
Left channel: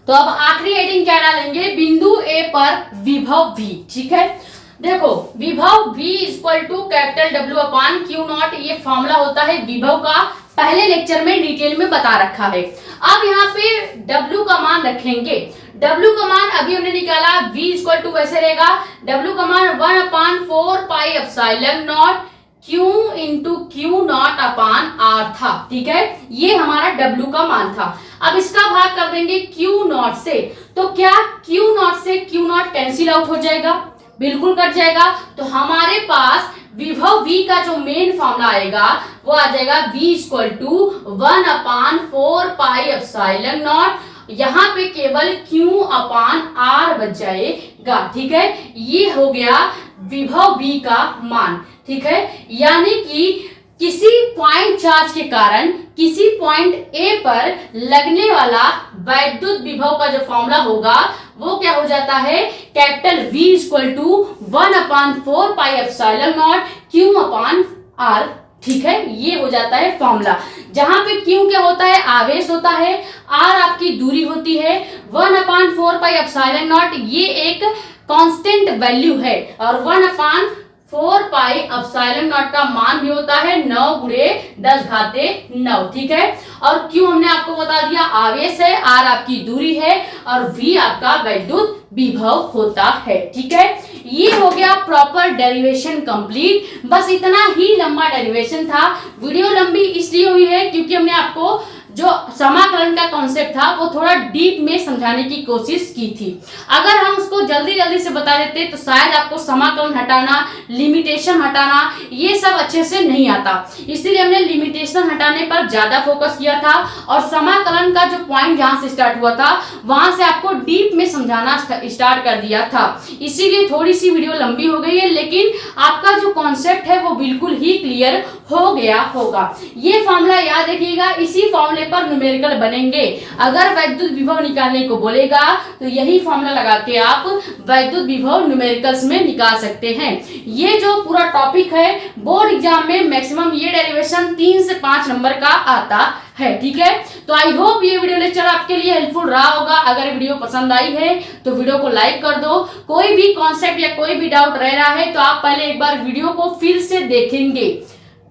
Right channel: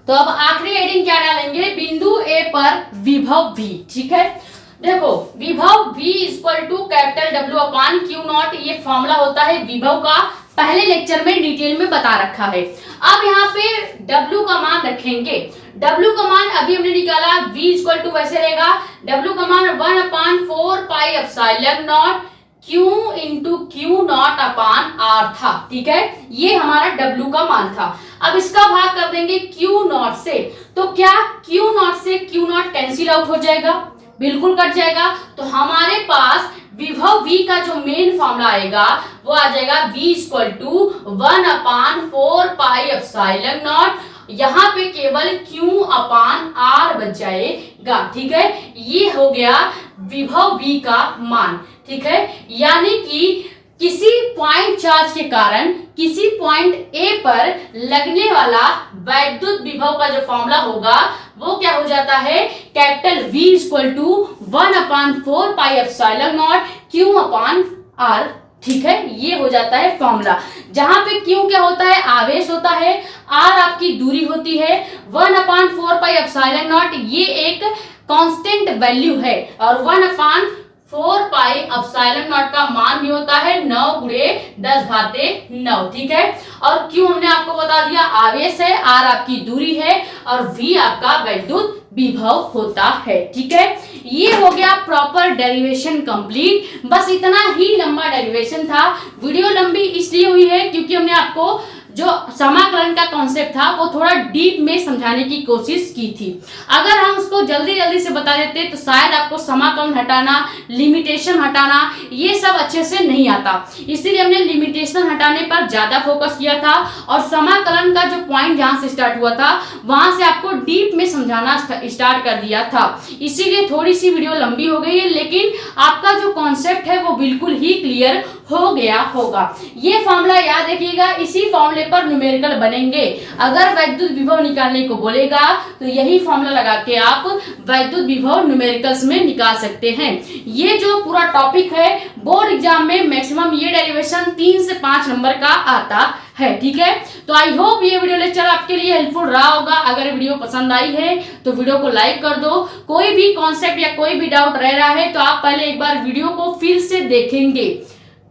तो अब आखिरी हेडिंग क्या डालेंगे, बिंदु ए पर विभव v, ठीक है। देखो विभव v इक्वल टू कैपिटल डब्ल्यू अपान क्यू नॉट, ये फॉर्मूला होता है विभव का, पहले लेक्चर में डिटेल में बता रखा है। अब यहाँ पे w का मान रखेंगे, w का मान अभी हमने निकाला, v इक्वल टू वैसे रहेगा, w का मान 1/4 pi epsilon naught Q into q naught upon R था, ठीक है, ये हमारा W का मान था। अब इसका भाग कर देंगे Q नॉट से, तो क्या Q नॉट से Q नॉट कैंसिल आउट हो जाएगा, बिल्कुल कट जाएगा। तो हमारे पास विभव V का जो मेन फॉर्मूला आएगा वो आ जाएगा V equal to 1/4 pi epsilon naught, यहाँ पे केवल Q अपान R बच जाएगा, ठीक है। ये हो गया विभव V का मान, ठीक है। यानी कि किसी पॉइंट चार्ज के कारण किसी पॉइंट ए पर लगने वाला वैद्युत विभव का जो फॉर्मूला होगा वो क्या हो जाता है, capital V equal to 1/4 pi epsilon naught Q upon R, ठीक है, ये हो जाता है फॉर्मूला। जहां पे Q क्या होता है, आवेश होता है, R आपकी दूरी होती है, 1/4 पाई एप्सिलॉन नॉट ये एक कांस्टेंट वैल्यू है, और 1/4 पाई एप्सिलॉन नॉट का मान भी होता है 9 गुणे 10⁹9, ठीक है। और Q हमने आपको बता दिया आवेश है, R आपकी दूरी है, और V आपका वैद्युत विभव होता है, ठीक है। ये हो गया प्रॉपर डेरिवेशन कंप्लीट। बस इतना ही लंबा डेरिवेशन था। वीडियो लंबी इसलिए हुई है क्योंकि हमने आपको जो समाकलन का कॉन्सेप्ट था वो थोड़ा डीप में समझाने की कोशिश की थी। अगर हम उसको जल्दी जल्दी से बता देते तो शायद आपको समाकलन हटाना, लिमिटेशन हटाना ये सब अच्छे से नहीं आता, इसीलिए हमने लिमिटेशन हटाने पर ज्यादा फोकस किया था, और समाकलन का जो पॉइंट जहां से स्टार्ट हुआ था वहां से आपको डीप में समझाना स्टार्ट कर दिया था। इसीलिए थोड़ी सी वीडियो लंबी हो गई है, लेकिन आपका जो कॉन्सेप्ट है वो बिल्कुल ही क्लियर हो गया होगा। ये फॉर्मूला याद रखिएगा, इसी फॉर्मूले पर न्यूमेरिकल बनेंगे। अगर वैद्युत विभव निकालने को बोलेगा तो यही फॉर्मूला लगा के आप वैद्युत विभव न्यूमेरिकल्स में निकाल सकते हैं। ये जो पूरा टॉपिक है बोर्ड एग्जाम में मैक्सिमम ये डेरिवेशन 3 से 5 नंबर का आता है, ठीक है। तो आई होप ये वीडियो लेक्चर आपके लिए हेल्पफुल रहा होगा। अगर वीडियो पसंद आई है तो वीडियो को लाइक कर दो। कोई भी कॉन्सेप्ट या कोई भी डाउट रह रहा है तो आप पहले एक बार वीडियो को फिर से देखेंगे,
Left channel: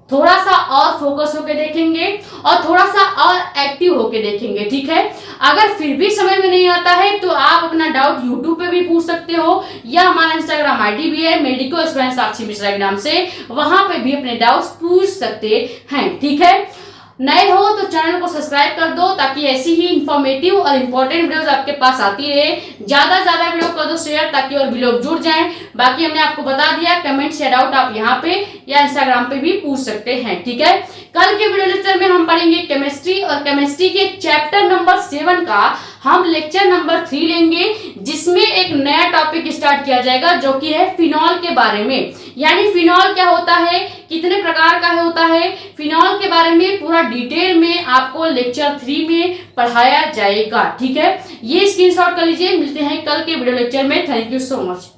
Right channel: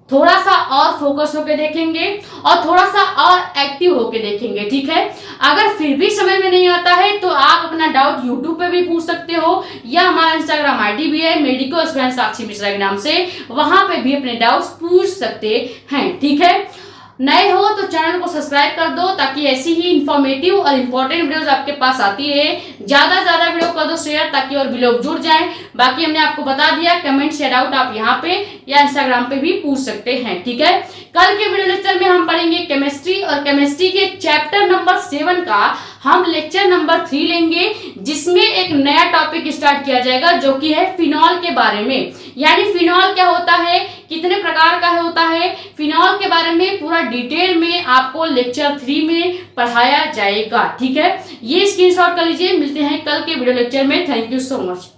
थोड़ा सा और फोकस होके देखेंगे और थोड़ा सा और एक्टिव होके देखेंगे, ठीक है। अगर फिर भी समझ में नहीं आता है तो आप अपना डाउट यूट्यूब पे भी पूछ सकते हो, या हमारा इंस्टाग्राम आईडी भी है मेडिको स्टूडेंट साक्षी मिश्रा के नाम से, वहां पे भी अपने डाउट्स पूछ सकते हैं, ठीक है। नए हो तो चैनल को सब्सक्राइब कर दो ताकि ऐसी ही इंफॉर्मेटिव और इम्पोर्टेंट वीडियोस आपके पास आती रहे। ज्यादा से ज्यादा वीडियो कर दो शेयर ताकि और भी लोग जुड़ जाएं। बाकी हमने आपको बता दिया, कमेंट या डाउट आप यहाँ पे या इंस्टाग्राम पे भी पूछ सकते हैं, ठीक है। कल के वीडियो लेक्चर में हम पढ़ेंगे केमिस्ट्री, और केमिस्ट्री के चैप्टर नंबर 7 का हम लेक्चर नंबर 3 लेंगे, जिसमें एक नया टॉपिक स्टार्ट किया जाएगा जो कि है फिनॉल के बारे में। यानी फिनॉल क्या होता है, कितने प्रकार का होता है, फिनॉल के बारे में पूरा डिटेल में आपको लेक्चर 3 में पढ़ाया जाएगा, ठीक है। ये स्क्रीनशॉट कर लीजिए। मिलते हैं कल के वीडियो लेक्चर में। Thank you so much.